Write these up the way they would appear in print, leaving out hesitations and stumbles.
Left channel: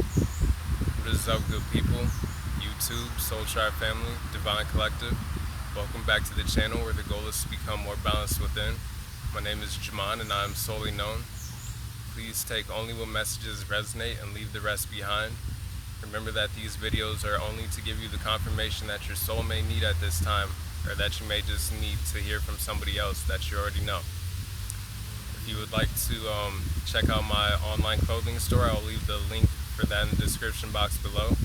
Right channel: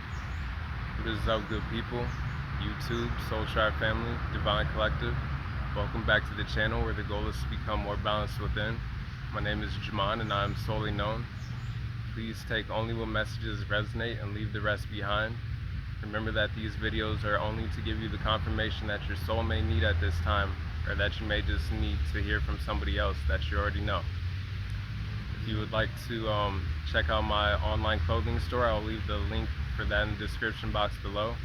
What is up, good people? YouTube, Soul Tribe family, Divine Collective. Welcome back to the channel where the goal is to become more balanced within. My name is Jaman and I am solely known. Please take only what messages resonate and leave the rest behind. Remember that these videos are only to give you the confirmation that your soul may need at this time, or that you may just need to hear from somebody else that you already know. If you would like to check out my online clothing store, I will leave the link for that in the description box below.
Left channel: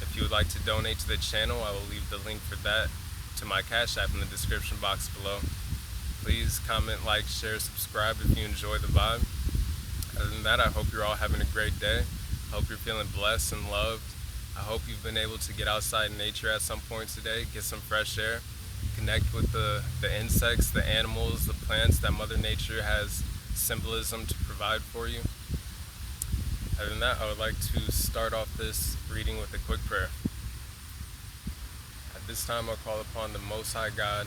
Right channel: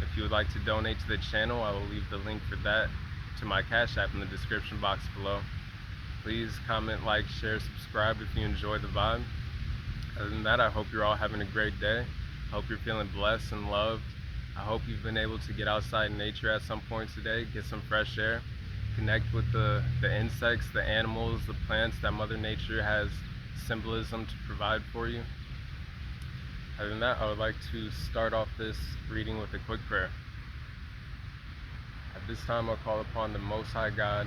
If you would like to donate to the channel, I will leave the link for that to my Cash App in the description box below. Please comment, like, share, subscribe if you enjoy the vibe. Other than that, I hope you're all having a great day. I hope you're feeling blessed and loved. I hope you've been able to get outside in nature at some point today, get some fresh air, connect with the insects, the animals, the plants that Mother Nature has symbolism to provide for you. Other than that, I would like to start off this reading with a quick prayer. At this time, I'll call upon the Most High God,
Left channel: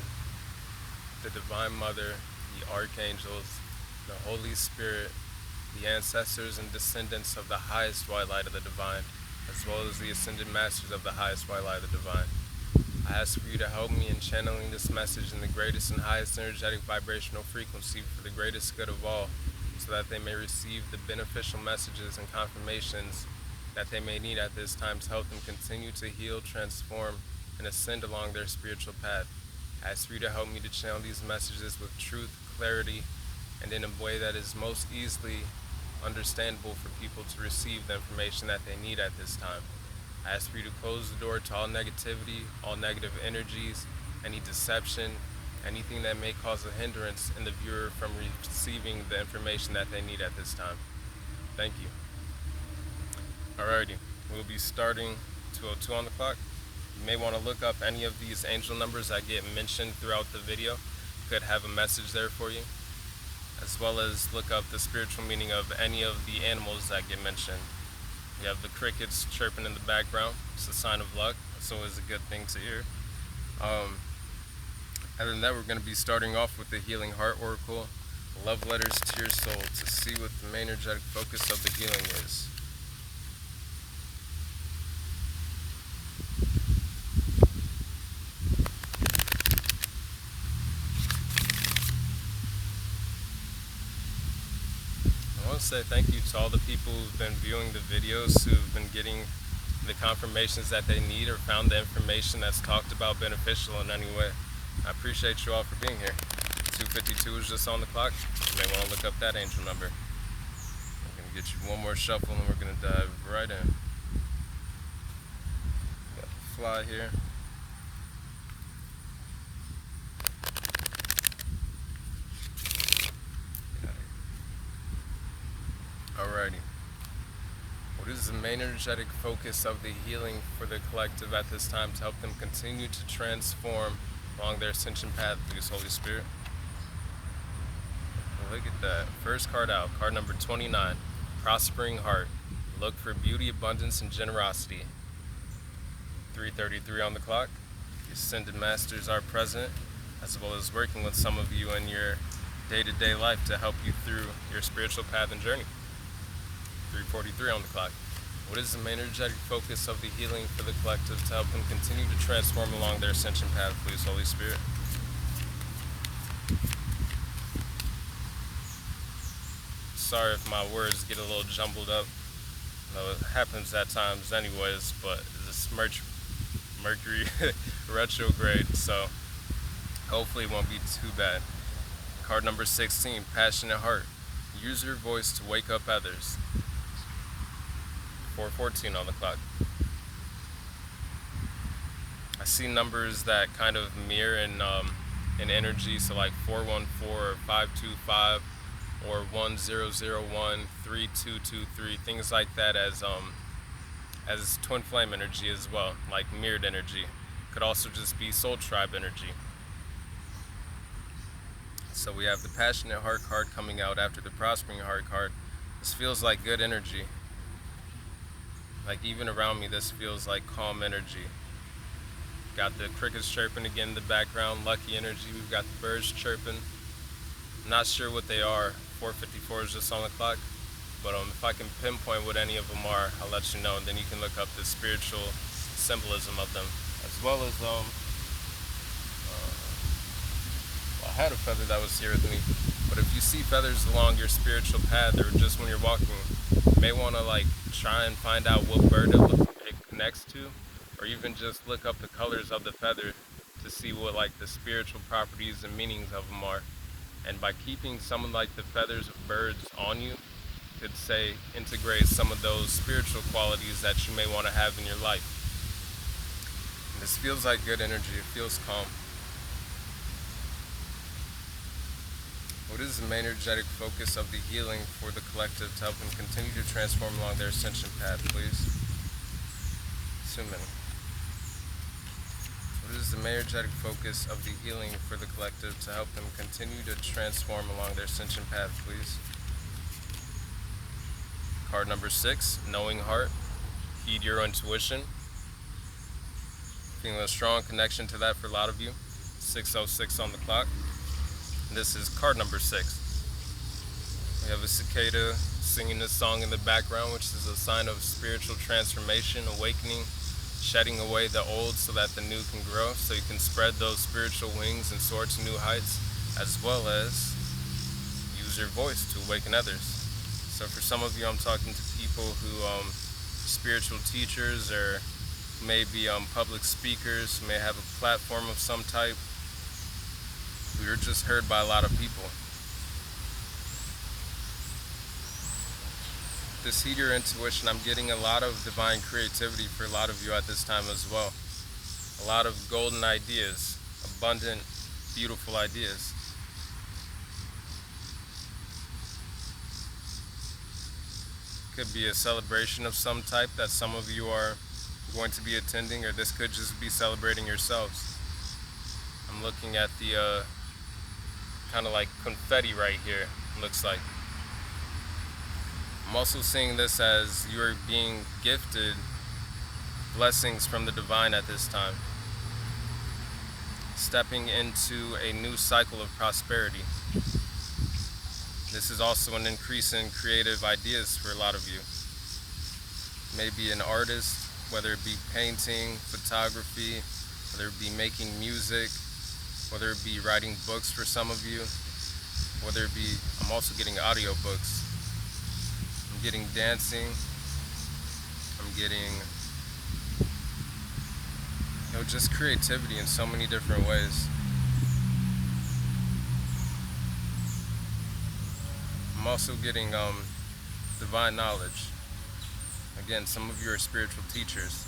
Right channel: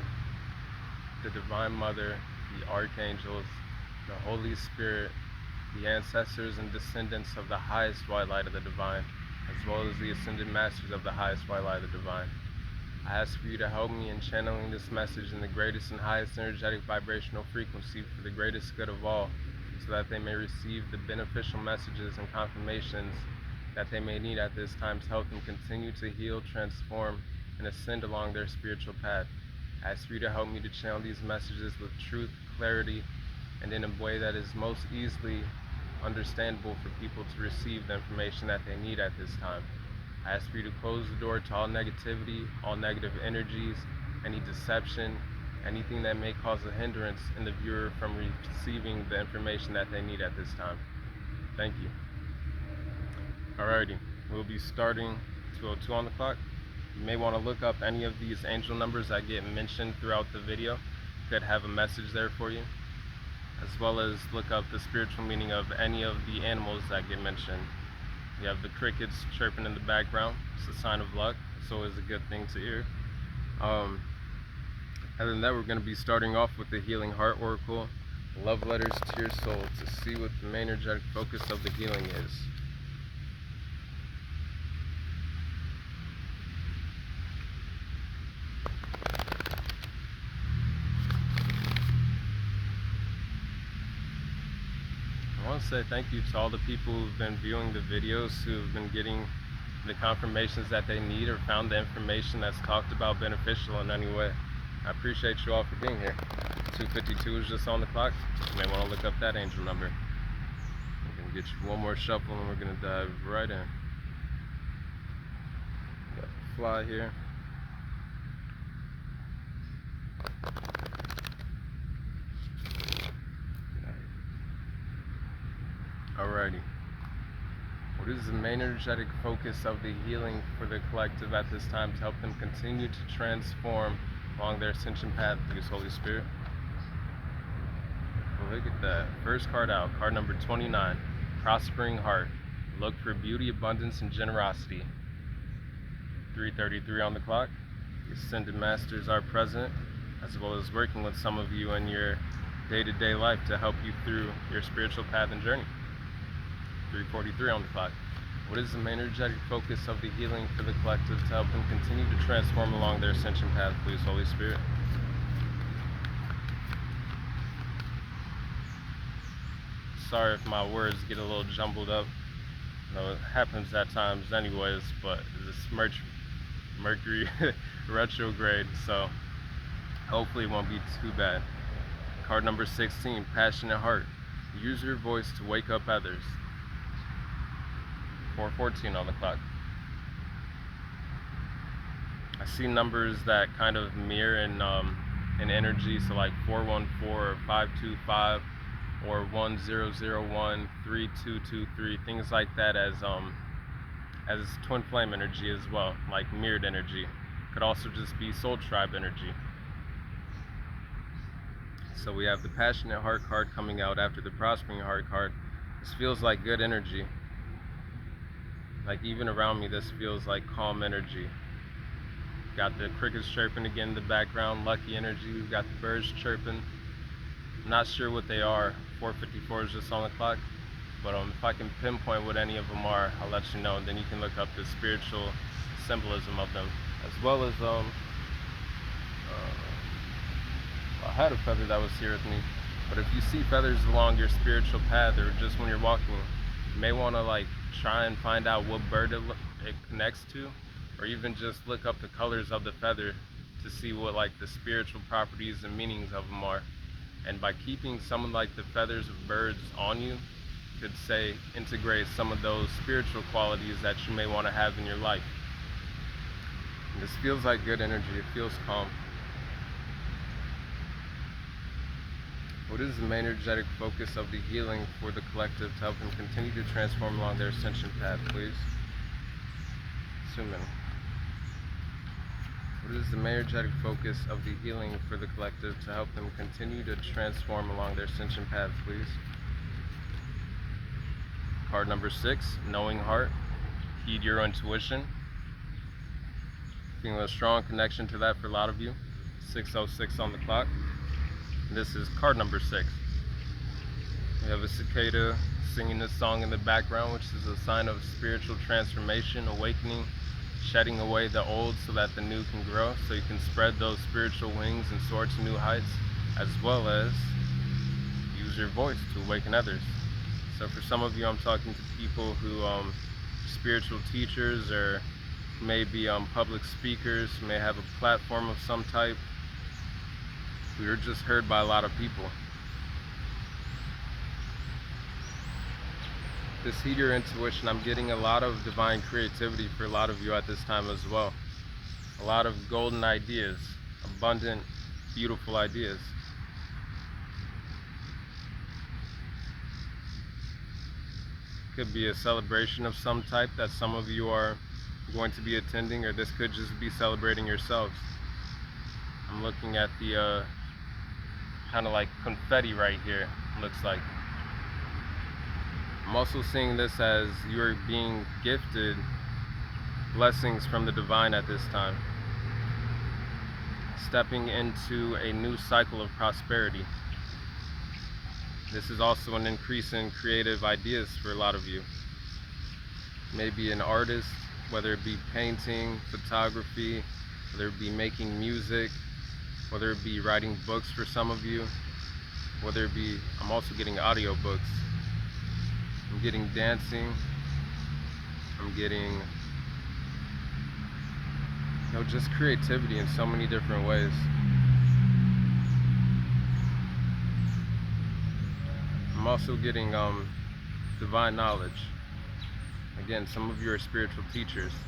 the Divine Mother, the Archangels, the Holy Spirit, the ancestors and descendants of the highest white light of the Divine, as well as the ascended masters of the highest white light of the Divine. I ask for you to help me in channeling this message in the greatest and highest energetic vibrational frequency for the greatest good of all, so that they may receive the beneficial messages and confirmations that they may need at this time to help them continue to heal, transform, and ascend along their spiritual path. I ask for you to help me to channel these messages with truth, clarity, and in a way that is most easily understandable for people to receive the information that they need at this time. I ask for you to close the door to all negativity, all negative energies, any deception, anything that may cause a hindrance in the viewer from receiving the information that they need at this time. Thank you. Alrighty, we'll be starting 2:02 on the clock. You may want to look up any of these angel numbers that get mentioned throughout the video. Could have a message there for you, as well as look up the spiritual meaning of any of the animals that get mentioned. You have the crickets chirping in the background. It's a sign of luck. It's always a good thing to hear. Other than that, we're going to be starting off with the Healing Heart Oracle, Love Letters to Your Soul, to see what the main energetic focus of the healing is. I want to say thank you to all the people who've been viewing the videos, who've been getting the confirmations that they need or found the information that's talked about beneficial in any way. I appreciate you all for being here. 2:52 is just on the clock. You may want to look up that angel number. We're going to get you one more shuffle and we're going to dive right in. Got the fly here. Alrighty. What is the main energetic focus of the healing for the collective at this time to help them continue to transform along their ascension path through the Holy Spirit? Well, look at that. First card out, card number 29, Prospering Heart. Look for beauty, abundance, and generosity. 3:33 on the clock. The ascended masters are present, as well as working with some of you in your day-to-day life to help you through your spiritual path and journey. 3:43 on the clock. What is the main energetic focus of the healing for the collective to help them continue to transform along their ascension path, please, Holy Spirit? Sorry if my words get a little jumbled up. It happens at times anyways, but this Mercury retrograde, so hopefully it won't be too bad. Card number 16, Passionate Heart. Use your voice to wake up others. 4:14 on the clock. I see numbers that kind of mirror in energy, so like 414 or 525 or 1001 3223, things like that as twin flame energy as well, like mirrored energy. Could also just be soul tribe energy. So we have the Passionate Heart card coming out after the Prospering Heart card. This feels like good energy. Like even around me, this feels like calm energy. Got the crickets chirping again in the background, lucky energy. We've got the birds chirping. Not sure what they are. 4:54 is just on the clock. But if I can pinpoint what any of them are, I'll let you know, and then you can look up the spiritual symbolism of them, as well as I had a feather that was here with me. But if you see feathers along your spiritual path, or just when you're walking, you may want to like try and find out what bird it connects to, or even just look up the colors of the feather to see what like the spiritual properties and meanings of them are. And by keeping some of like the feathers of birds on you, could say integrate some of those spiritual qualities that you may want to have in your life. And this feels like good energy. It feels calm. What is the main energetic focus of the healing for the collective to help them continue to transform along their ascension path, please? So many. What is the main energetic focus of the healing for the collective to help them continue to transform along their ascension path, please? Card number 6, knowing heart. Heed your intuition. Feeling a strong connection to that for a lot of you. 6:06 on the clock. And this is card number 6. We have a cicada singing this song in the background, which is a sign of spiritual transformation, awakening, shedding away the old so that the new can grow, so you can spread those spiritual wings and soar to new heights, as well as use your voice to awaken others. So for some of you, I'm talking to people who, spiritual teachers, or maybe public speakers, who may have a platform of some type. We are just heard by a lot of people. This heed your intuition, I'm getting a lot of divine creativity for a lot of you at this time as well. A lot of golden ideas, abundant, beautiful ideas. Could be a celebration of some type that some of you are going to be attending, or this could just be celebrating yourselves. I'm looking at the kind of like confetti right here, looks like. I'm also seeing this as you're being gifted blessings from the divine at this time. Stepping into a new cycle of prosperity. This is also an increase in creative ideas for a lot of you. Maybe an artist, whether it be painting, photography, whether it be making music, whether it be writing books for some of you, whether it be, I'm also getting audio books. I'm getting dancing. I'm getting, just creativity in so many different ways. I'm also getting divine knowledge. Again, some of you are spiritual teachers.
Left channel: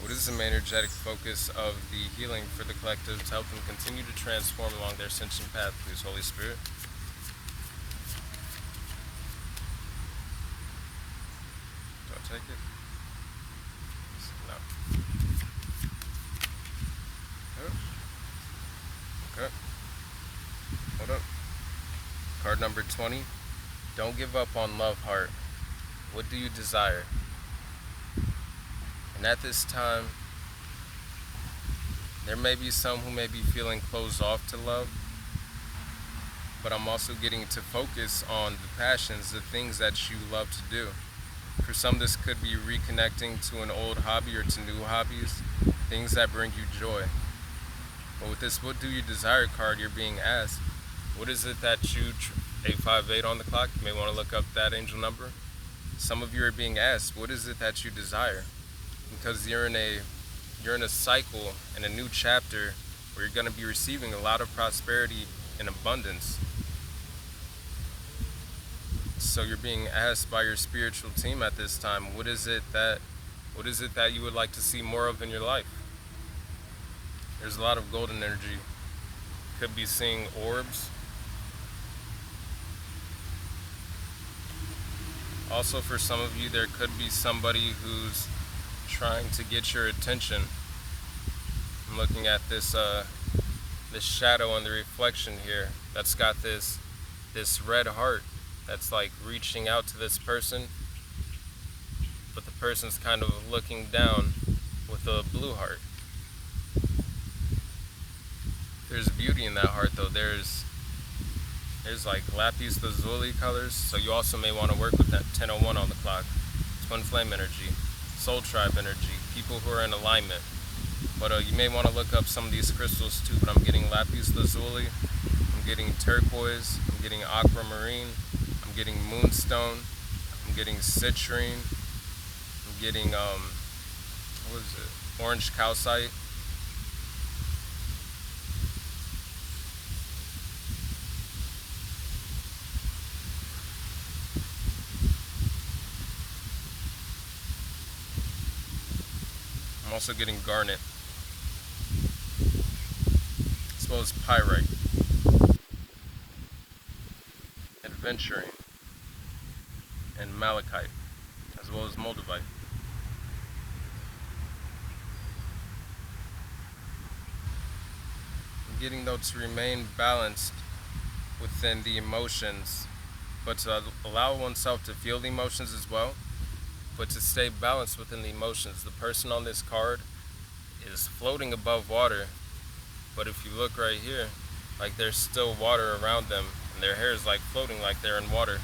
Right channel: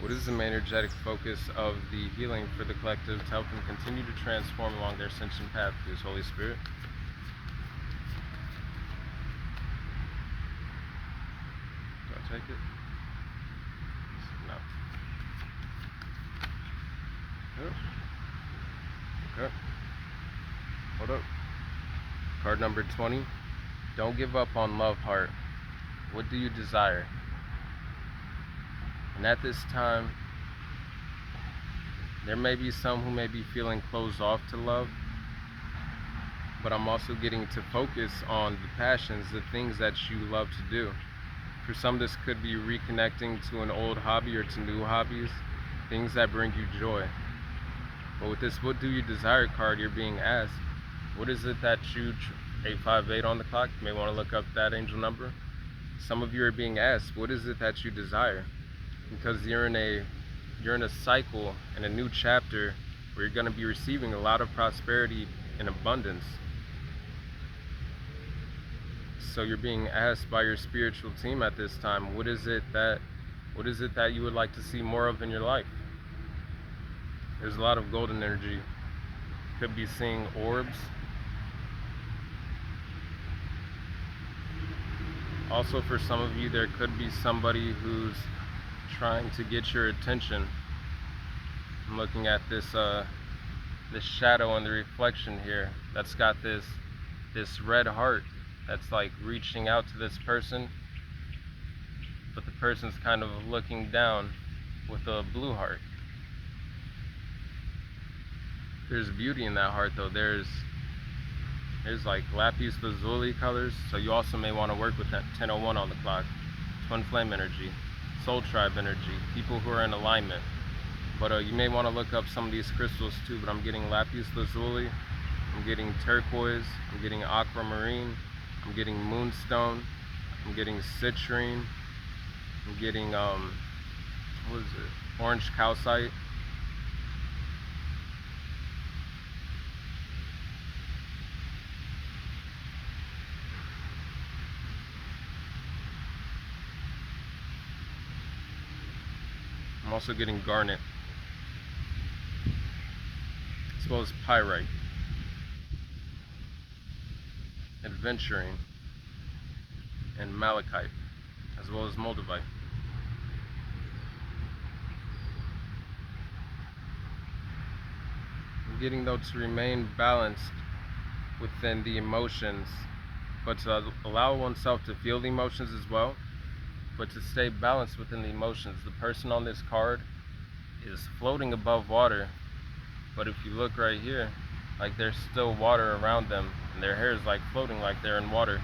What is the main energetic focus of the healing for the collective to help them continue to transform along their ascension path, please, Holy Spirit? Do I take it? No. Okay. Hold up. Card number 20. Don't give up on love, heart. What do you desire? And at this time, there may be some who may be feeling closed off to love, but I'm also getting to focus on the passions, the things that you love to do. For some, this could be reconnecting to an old hobby or to new hobbies, things that bring you joy. But with this what do you desire card, you're being asked, what is it that you, 858 on the clock, you may want to look up that angel number. Some of you are being asked, what is it that you desire? Because you're in a cycle, in a new chapter, where you're going to be receiving a lot of prosperity and abundance. So you're being asked by your spiritual team at this time, what is it that you would like to see more of in your life? There's a lot of golden energy. Could be seeing orbs. Also, for some of you, there could be somebody who's trying to get your attention. I'm looking at this shadow and the reflection here that's got this red heart that's like reaching out to this person, but the person's kind of looking down with a blue heart. There's beauty in that heart though. There's Here's like lapis lazuli colors, so you also may want to work with that 1001 on the clock. Twin flame energy, soul tribe energy, people who are in alignment. But you may want to look up some of these crystals too. But I'm getting lapis lazuli, I'm getting turquoise, I'm getting aquamarine, I'm getting moonstone, I'm getting citrine, I'm getting what is it? Orange calcite. I'm also getting garnet, as well as pyrite, adventuring, and malachite, as well as moldavite. I'm getting though to remain balanced within the emotions, but to allow oneself to feel the emotions as well, but to stay balanced within the emotions. The person on this card is floating above water, but if you look right here, like there's still water around them, and their hair is like floating like they're in water.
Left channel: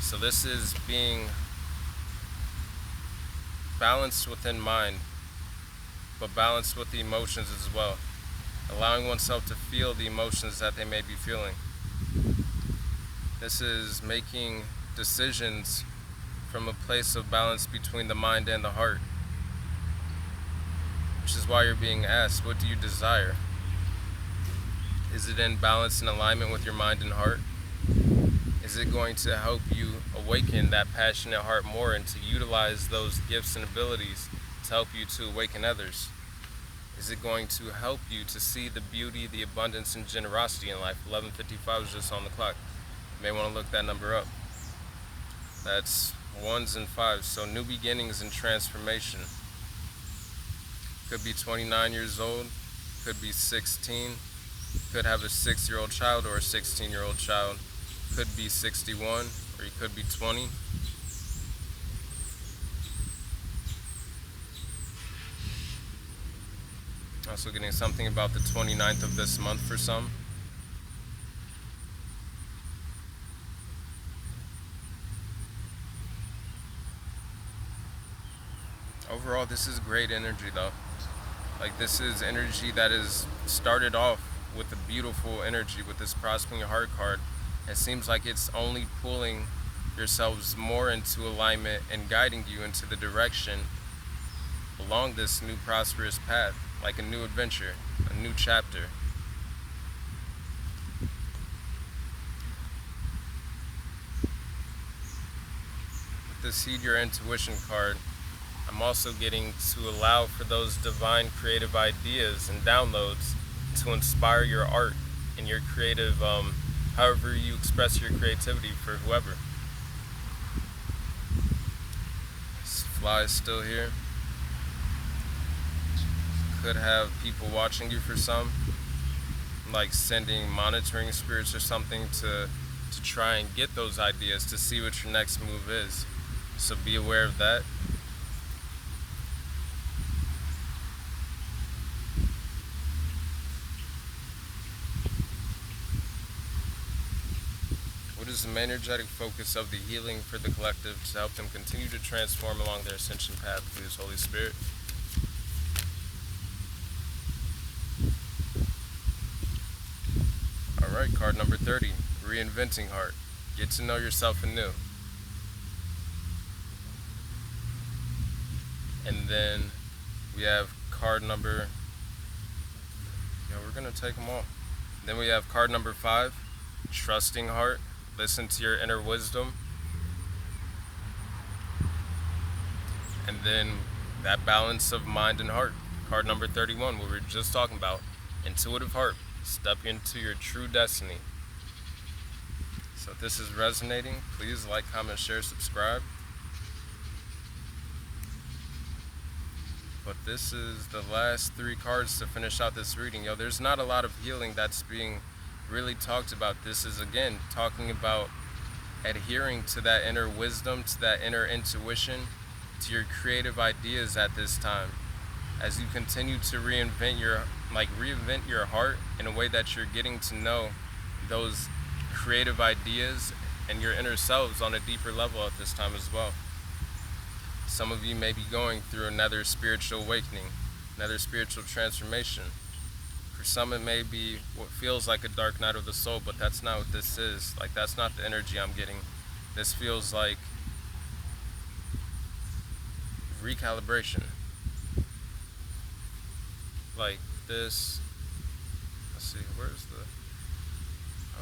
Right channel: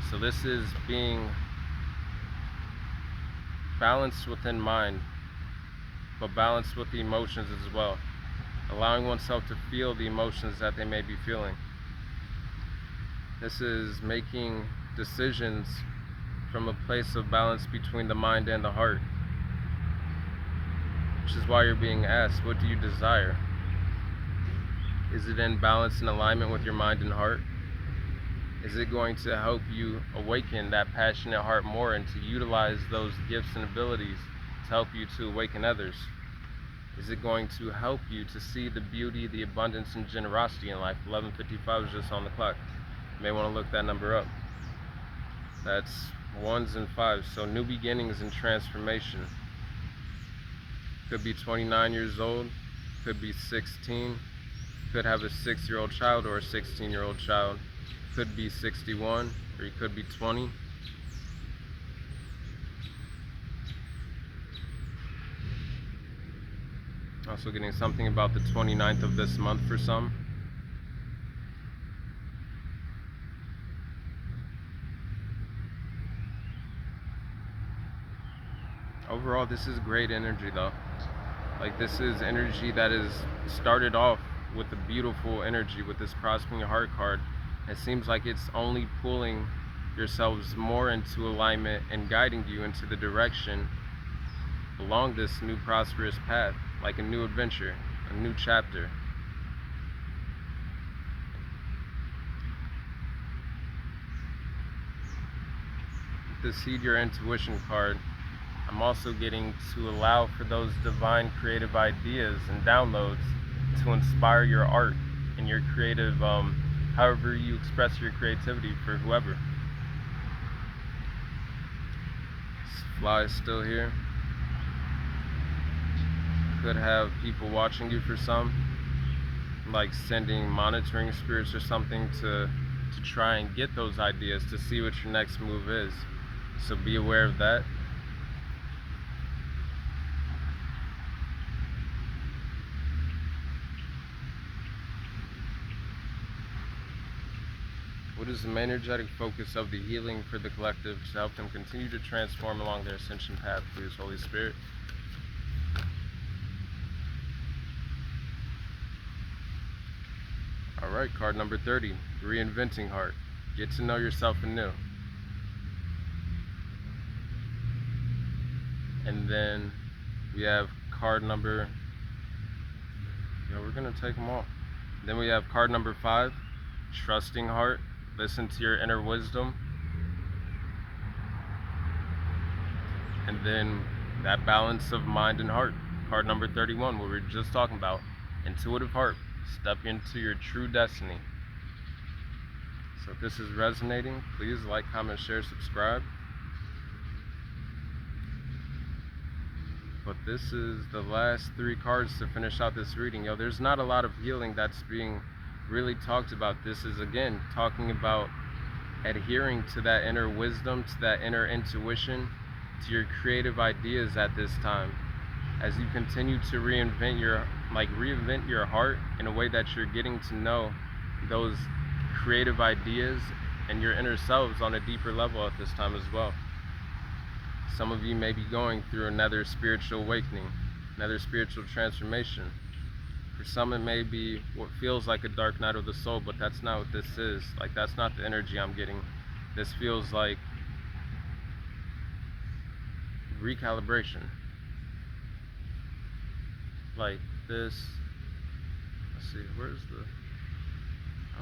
So this is being balanced within mind, but balanced with the emotions as well. Allowing oneself to feel the emotions that they may be feeling. This is making decisions from a place of balance between the mind and the heart. Which is why you're being asked, what do you desire? Is it in balance and alignment with your mind and heart? Is it going to help you awaken that passionate heart more and to utilize those gifts and abilities to help you to awaken others? Is it going to help you to see the beauty, the abundance, and generosity in life? 11:55 is just on the clock. You may want to look that number up. That's 1s and 5s, so new beginnings and transformation. Could be 29 years old, could be 16, could have a 6-year-old child or a 16-year-old child, could be 61, or you could be 20. Also getting something about the 29th of this month for some. Overall, this is great energy though. Like this is energy that is started off with a beautiful energy with this prospering heart card. It seems like it's only pulling yourselves more into alignment and guiding you into the direction along this new prosperous path, like a new adventure, a new chapter. With the Seed Your Intuition card, I'm also getting to allow for those divine creative ideas and downloads to inspire your art and your creative, however you express your creativity for whoever. This fly is still here. Could have people watching you for some, like sending monitoring spirits or something to try and get those ideas to see what your next move is. So be aware of that. What is the main energetic focus of the healing for the collective to help them continue to transform along their ascension path, please, Holy Spirit? Alright, card number 30, Reinventing Heart. Get to know yourself anew. And then we have card number, we're going to take them all. Then we have card number 5, Trusting Heart. Listen to your inner wisdom. And then that balance of mind and heart. Card number 31, what we were just talking about. Intuitive heart. Step into your true destiny. So if this is resonating, please like, comment, share, subscribe. But this is the last 3 cards to finish out this reading. There's not a lot of healing that's being really talked about. This is again talking about adhering to that inner wisdom, to that inner intuition, to your creative ideas at this time, as you continue to reinvent your heart in a way that you're getting to know those creative ideas and your inner selves on a deeper level at this time as well. Some of you may be going through another spiritual awakening, another spiritual transformation. For some, it may be what feels like a dark night of the soul, but that's not what this is. Like, that's not the energy I'm getting. This feels like recalibration. Like this, let's see, where's the,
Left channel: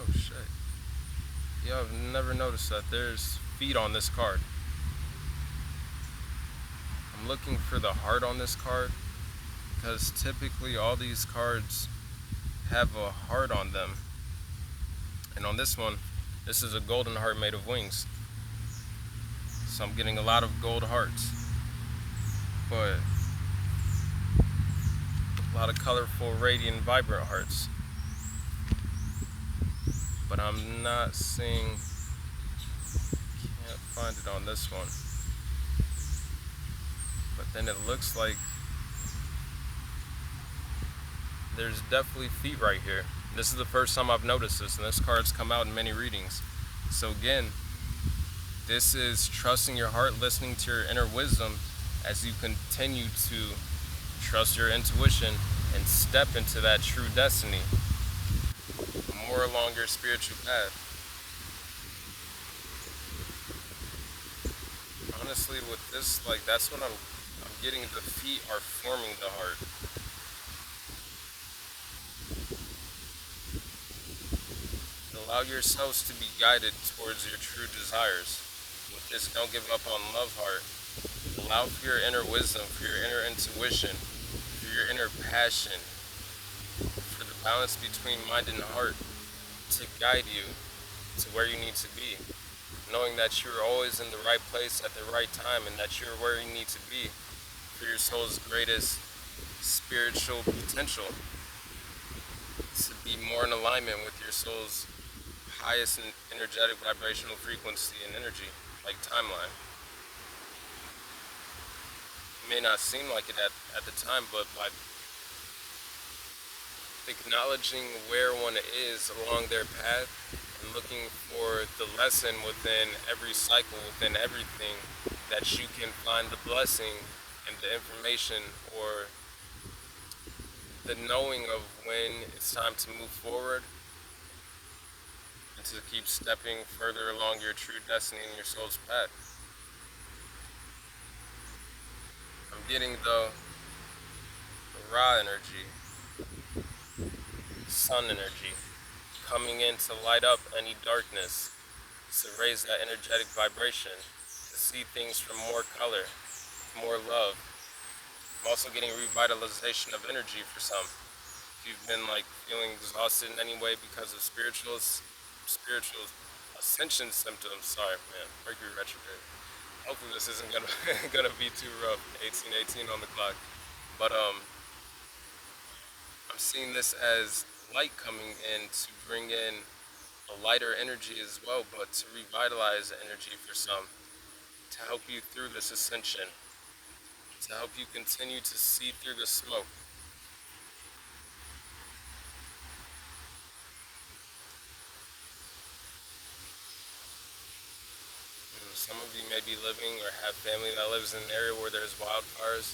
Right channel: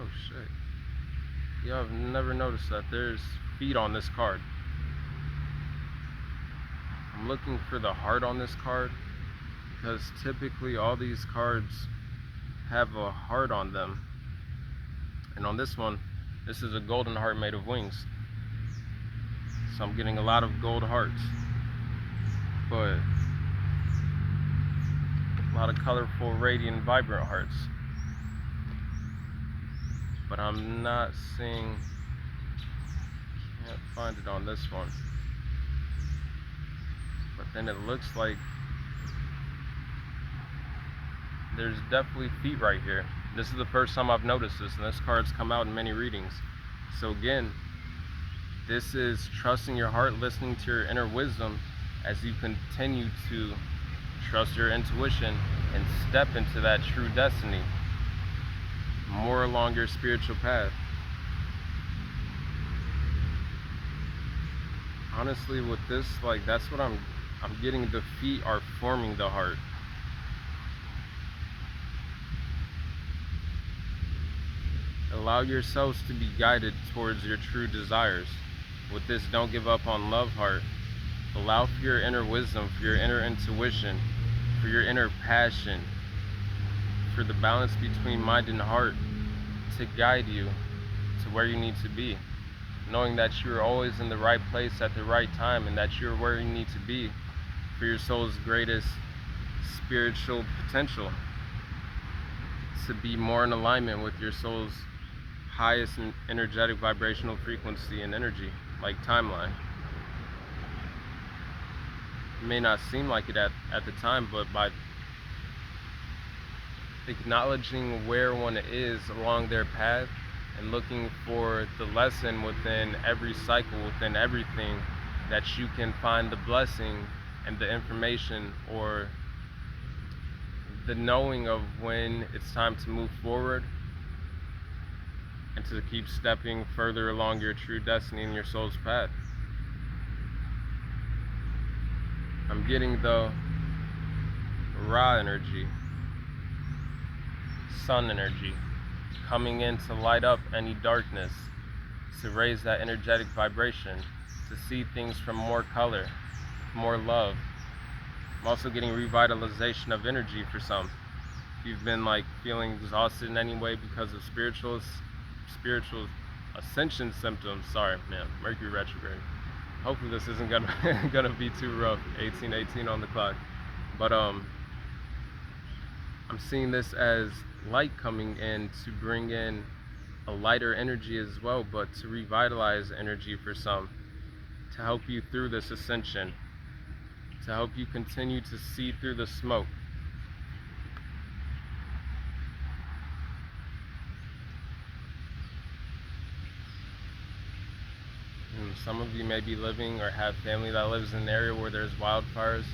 oh shit. Yo, I've never noticed that there's feet on this card. I'm looking for the heart on this card, because typically all these cards have a heart on them. And on this one, this is a golden heart made of wings. So I'm getting a lot of gold hearts. But a lot of colorful, radiant, vibrant hearts. But I'm not seeing, can't find it on this one. But then it looks like there's definitely feet right here. This is the first time I've noticed this, and this card's come out in many readings. So again, this is trusting your heart, listening to your inner wisdom as you continue to trust your intuition and step into that true destiny, more along your spiritual path. Honestly, with this, like, that's what I'm getting. The feet are forming the heart. Allow yourselves to be guided towards your true desires. With this, don't give up on love heart. Allow for your inner wisdom, for your inner intuition, for your inner passion, for the balance between mind and heart to guide you to where you need to be. Knowing that you're always in the right place at the right time, and that you're where you need to be for your soul's greatest spiritual potential, to be more in alignment with your soul's highest and energetic vibrational frequency and energy, like timeline. It may not seem like it at the time, but by acknowledging where one is along their path and looking for the lesson within every cycle, within everything, that you can find the blessing and the information, or the knowing of when it's time to move forward and to keep stepping further along your true destiny and your soul's path. I'm getting the Ra energy, sun energy, coming in to light up any darkness, to raise that energetic vibration, to see things from more color, more love. I'm also getting revitalization of energy for some. If you've been like feeling exhausted in any way because of spiritual ascension symptoms, sorry man, Mercury retrograde. Hopefully this isn't gonna be too rough. 1818 on the clock. But I'm seeing this as light coming in to bring in a lighter energy as well, but to revitalize energy for some, to help you through this ascension, to help you continue to see through the smoke. Some of you may be living or have family that lives in an area where there's wildfires,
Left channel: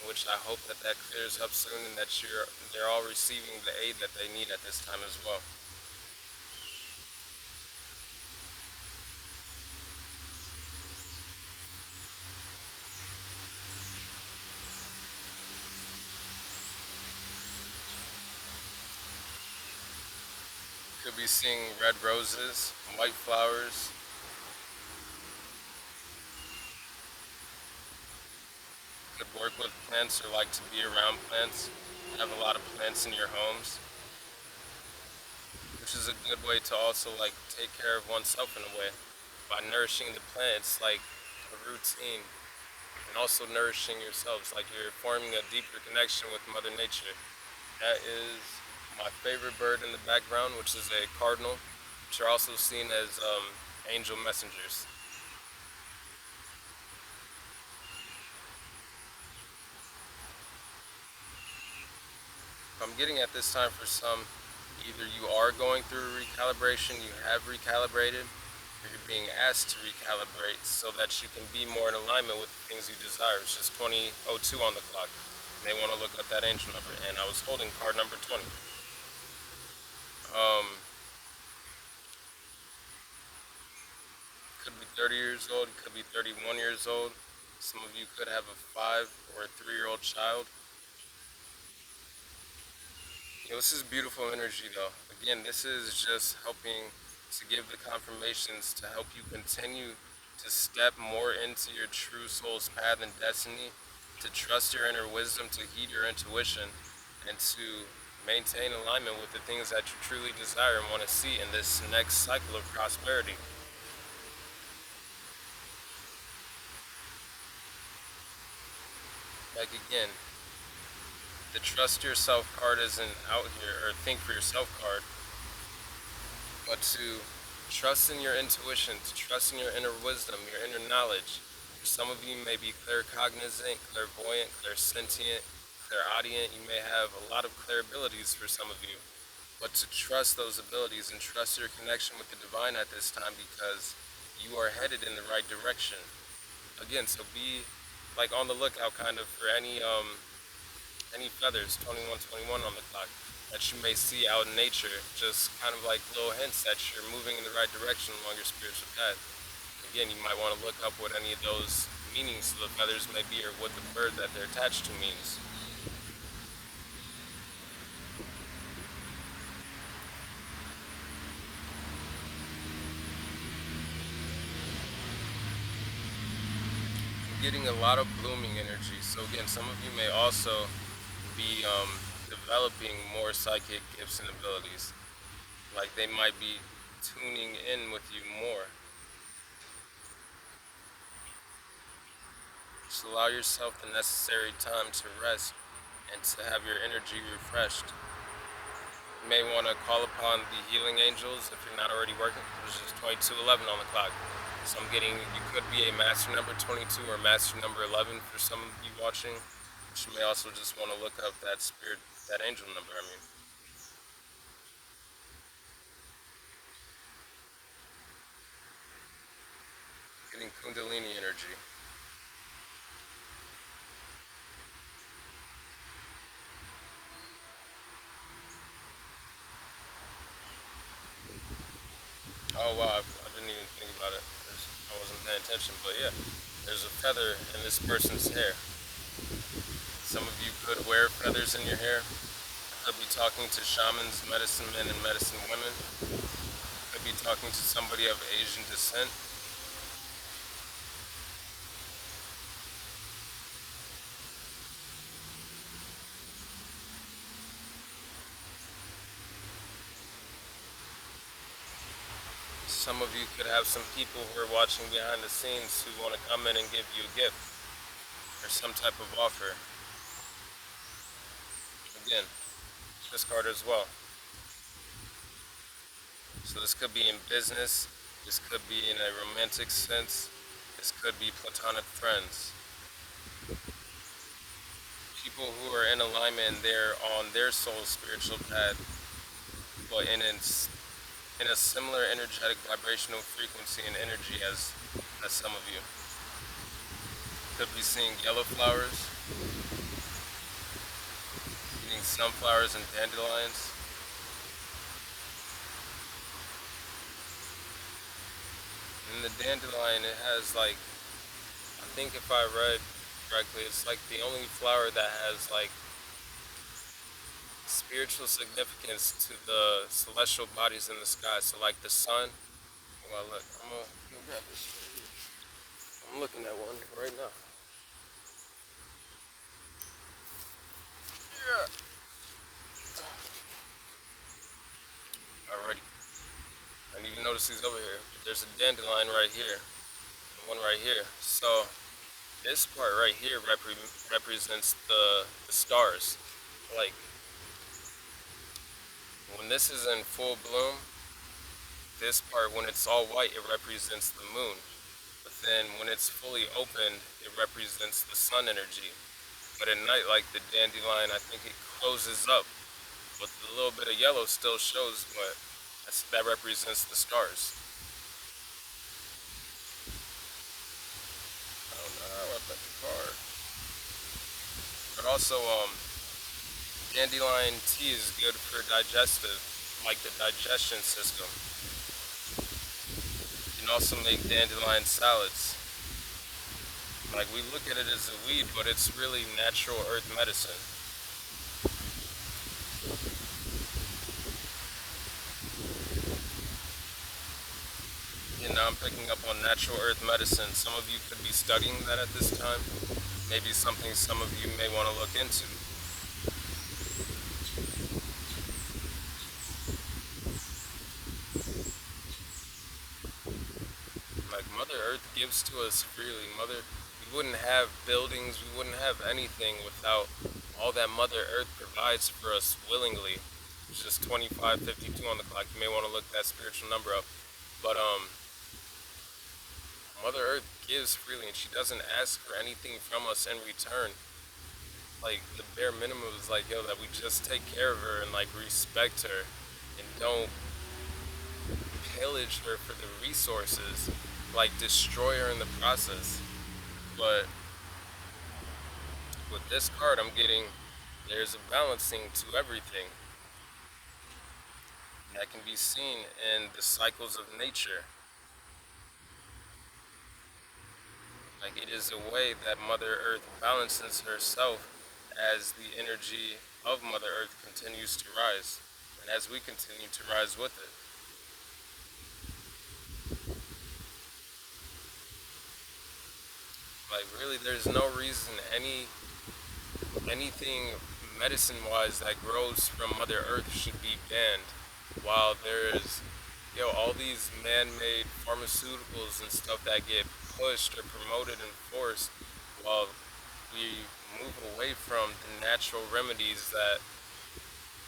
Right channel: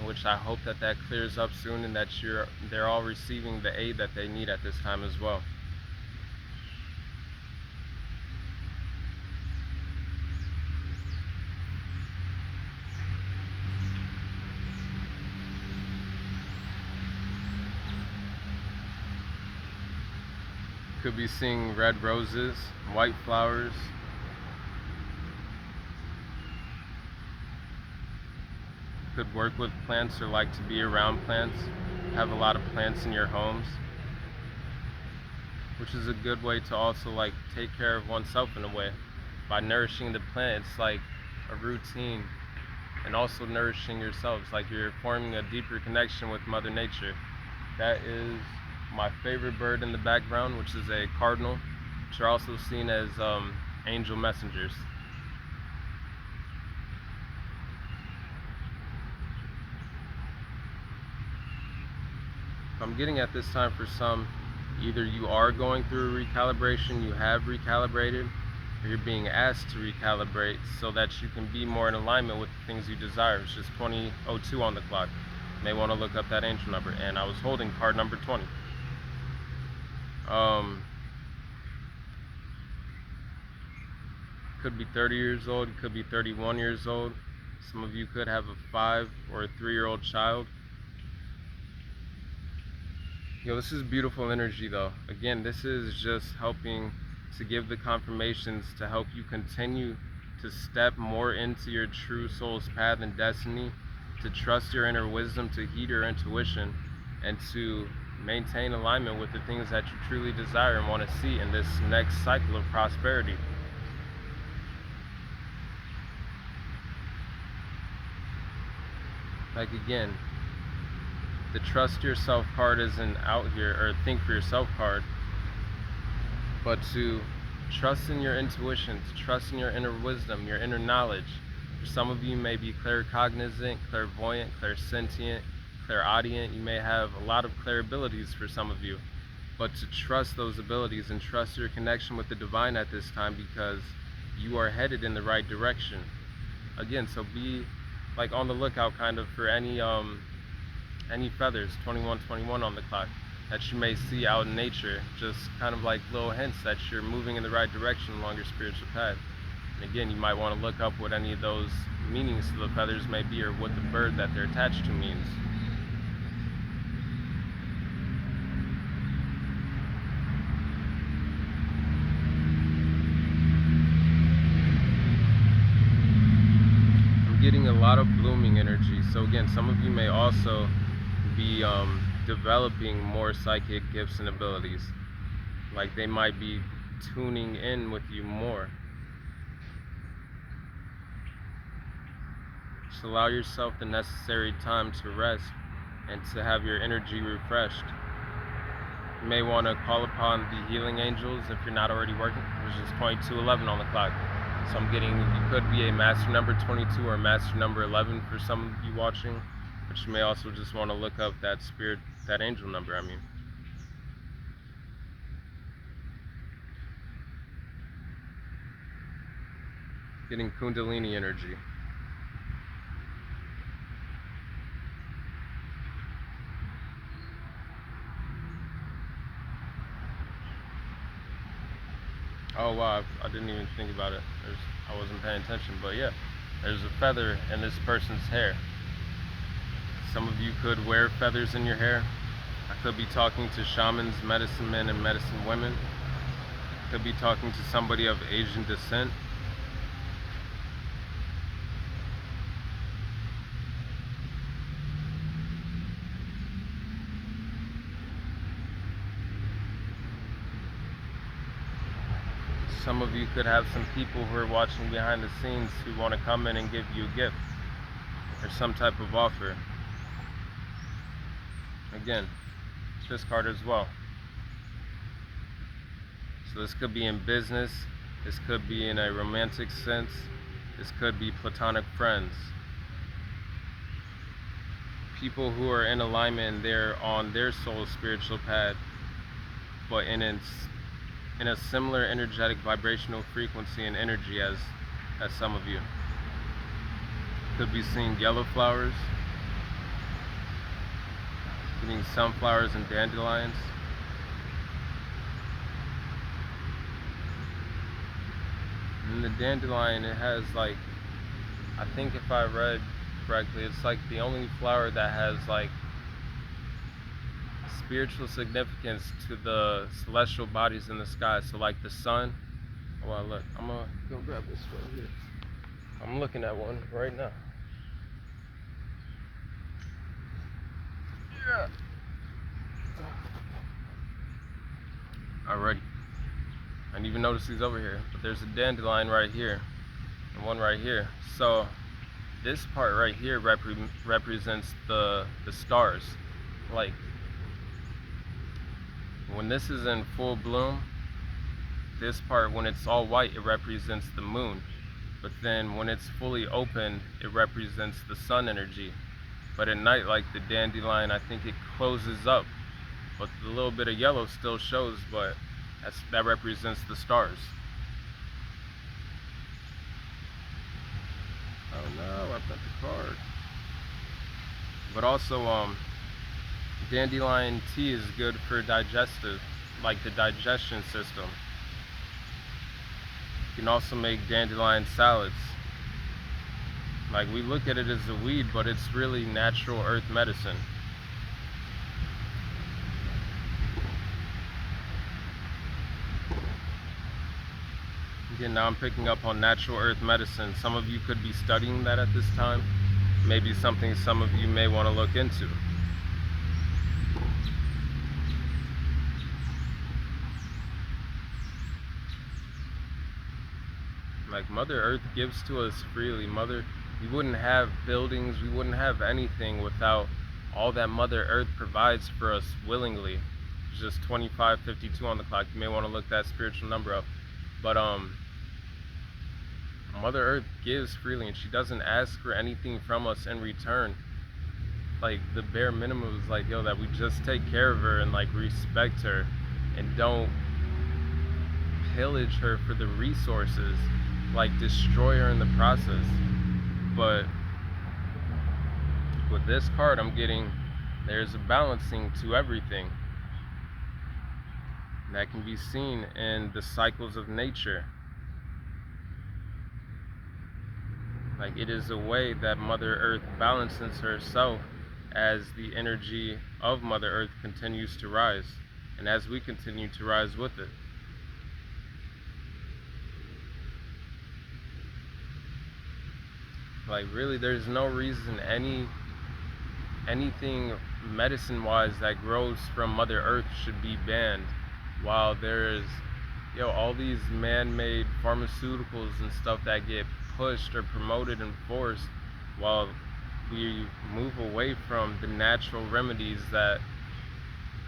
in which I hope that clears up soon, and that they're all receiving the aid that they need at this time as well. Could be seeing red roses, white flowers. Could work with plants or like to be around plants. Have a lot of plants in your homes, which is a good way to also like take care of oneself in a way. By nourishing the plant, it's like a routine, and also nourishing yourselves, like you're forming a deeper connection with Mother Nature. That is my favorite bird in the background, which is a cardinal, which are also seen as angel messengers. I'm getting at this time for some, Either you are going through a recalibration, you have recalibrated, or you're being asked to recalibrate so that you can be more in alignment with the things you desire. It's just 20:02 on the clock. You may want to look up that angel number. And I was holding card number 20. Could be 30 years old, it could be 31 years old. Some of you could have a 5 or a 3-year-old child. This is beautiful energy though. Again, this is just helping to give the confirmations to help you continue to step more into your true soul's path and destiny, to trust your inner wisdom, to heed your intuition, and to maintain alignment with the things that you truly desire and want to see in this next cycle of prosperity. Like again, the trust yourself card isn't out here, or think for yourself card, but to trust in your intuition, to trust in your inner wisdom, your inner knowledge. Some of you may be claircognizant, clairvoyant, clairsentient, clairaudient. You may have a lot of clairabilities for some of you, but to trust those abilities and trust your connection with the divine at this time, because you are headed in the right direction. Again, so be like on the lookout kind of for any feathers, 2121 on the clock, that you may see out in nature, just kind of like little hints that you're moving in the right direction along your spiritual path. And again, you might want to look up what any of those meanings to the feathers may be, or what the bird that they're attached to means. I'm getting a lot of blooming energy. So again, some of you may also be developing more psychic gifts and abilities. Like they might be tuning in with you more. Just allow yourself the necessary time to rest and to have your energy refreshed. You may want to call upon the healing angels if you're not already working. There's just 2211 on the clock. So I'm getting, you could be a master number 22 or master number 11 for some of you watching. But you may also just want to look up that spirit, that angel number, Getting Kundalini energy. Oh wow, I didn't even think about it. I wasn't paying attention, but yeah, there's a feather in this person's hair. Some of you could wear feathers in your hair. I could be talking to shamans, medicine men, and medicine women. I could be talking to somebody of Asian descent. Some of you could have some people who are watching behind the scenes who want to come in and give you a gift or some type of offer. Again, this card as well. So this could be in business, this could be in a romantic sense, this could be platonic friends. People who are in alignment and they're on their soul's spiritual path, but in a similar energetic vibrational frequency and energy as some of you. Could be seeing yellow flowers, seeing sunflowers and dandelions. And the dandelion, it has like, I think if I read correctly, it's like the only flower that has like spiritual significance to the celestial bodies in the sky. So like the sun. Well, look, I'm gonna go grab this right here. I'm looking at one right now. Yeah. Alrighty. I didn't even notice these over here, but there's a dandelion right here and one right here. So this part right here represents the stars. Like when this is in full bloom, this part, when it's all white, it represents the moon. But then when it's fully open, it represents the sun energy. But at night, like the dandelion, I think it closes up but the little bit of yellow still shows, but that represents the stars. Oh no, I got the card. But also, dandelion tea is good for digestive, like the digestion system. You can also make dandelion salads. Like, we look at it as a weed, but it's really natural earth medicine. Again, now I'm picking up on natural earth medicine. Some of you could be studying that at this time. Maybe something some of you may want to look into. Like, Mother Earth gives to us freely. We wouldn't have buildings, we wouldn't have anything without all that Mother Earth provides for us willingly. It's just 25:52 on the clock. You may want to look that spiritual number up. But Mother Earth gives freely, and she doesn't ask for anything from us in return. Like, the bare minimum is like, that we just take care of her and like respect her and don't pillage her for the resources, like destroy her in the process. But with this card I'm getting, there's a balancing to everything. And that can be seen in the cycles of nature. Like, it is a way that Mother Earth balances herself as the energy of Mother Earth continues to rise, and as we continue to rise with it. Like, really, there's no reason anything medicine-wise that grows from Mother Earth should be banned, while there is, all these man-made pharmaceuticals and stuff that get pushed or promoted and forced, while we move away from the natural remedies that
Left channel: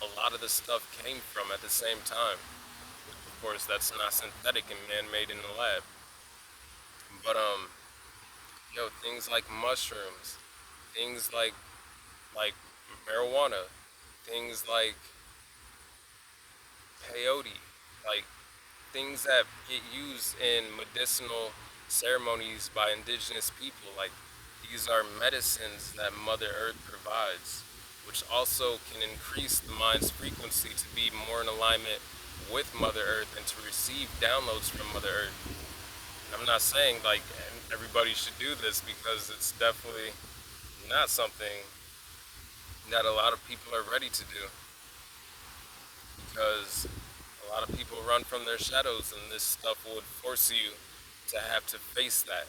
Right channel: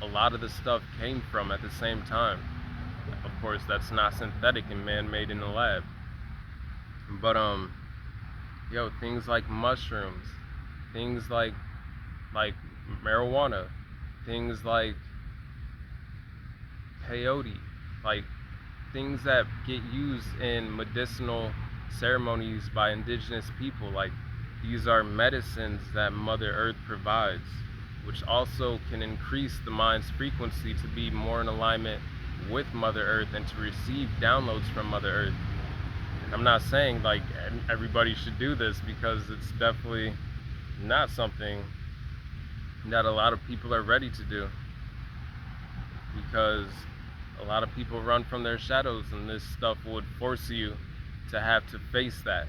a lot of the stuff came from at the same time. Of course, that's not synthetic and man-made in the lab. But things like mushrooms, things like marijuana, things like peyote, like things that get used in medicinal ceremonies by indigenous people. Like, these are medicines that Mother Earth provides, which also can increase the mind's frequency to be more in alignment with Mother Earth and to receive downloads from Mother Earth. I'm not saying like everybody should do this, because it's definitely not something that a lot of people are ready to do, because a lot of people run from their shadows, and this stuff would force you to have to face that,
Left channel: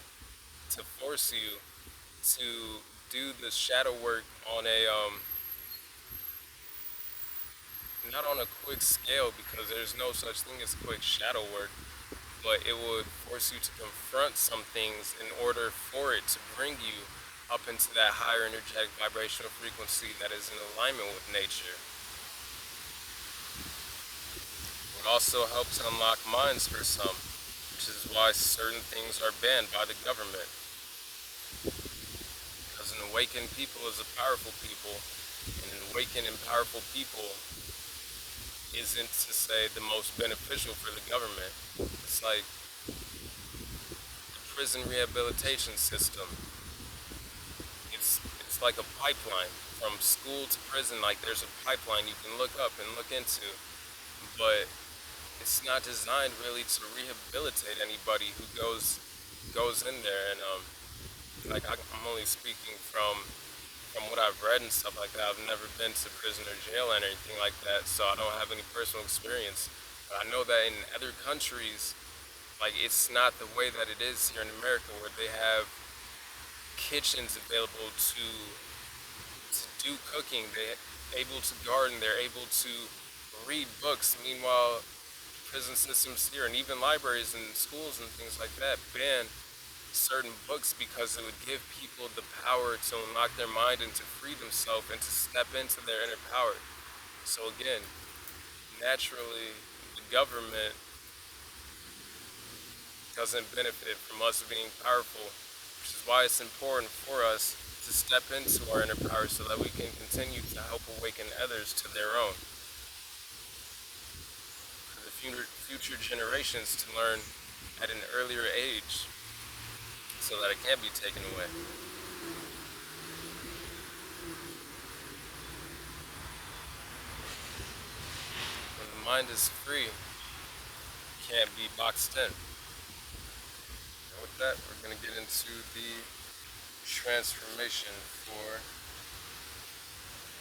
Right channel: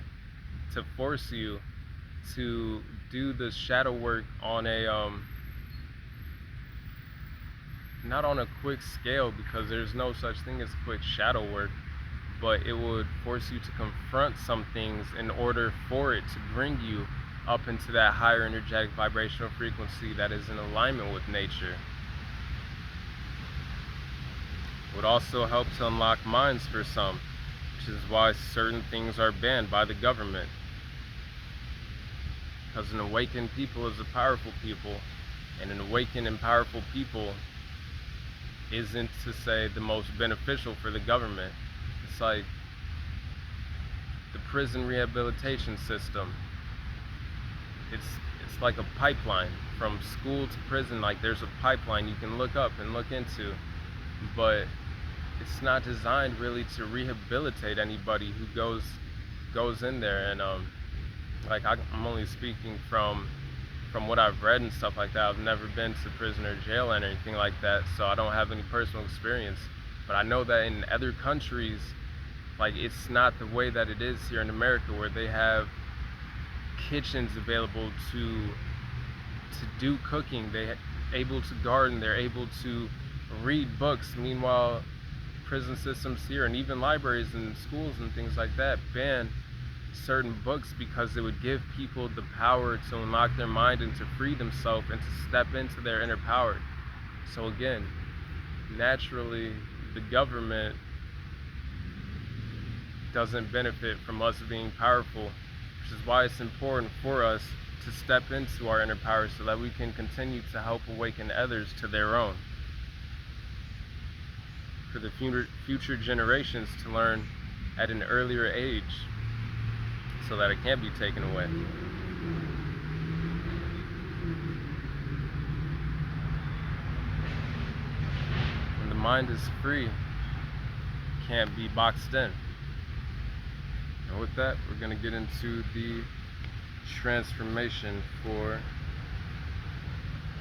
to force you to do the shadow work on a not on a quick scale, because there's no such thing as quick shadow work, but it would force you to confront some things in order for it to bring you up into that higher energetic vibrational frequency that is in alignment with nature. It would also help to unlock minds for some, which is why certain things are banned by the government. Because an awakened people is a powerful people, and an awakened and powerful people isn't to say the most beneficial for the government. It's like the prison rehabilitation system. It's like a pipeline from school to prison. Like, there's a pipeline you can look up and look into, but it's not designed really to rehabilitate anybody who goes in there. And I'm only speaking from what I've read and stuff like that. I've never been to prison or jail and anything like that, so I don't have any personal experience. But I know that in other countries, like, it's not the way that it is here in America, where they have kitchens available to do cooking. They're able to garden. They're able to read books. Meanwhile, prison systems here, and even libraries and schools and things like that, ban certain books because it would give people the power to unlock their mind and to free themselves and to step into their inner power. So again, naturally, the government doesn't benefit from us being powerful, which is why it's important for us to step into our inner power so that we can continue to help awaken others to their own. for the future generations to learn at an earlier age so that it can't be taken away. When the mind is free, it can't be boxed in. And with that, we're going to get into the transformation for,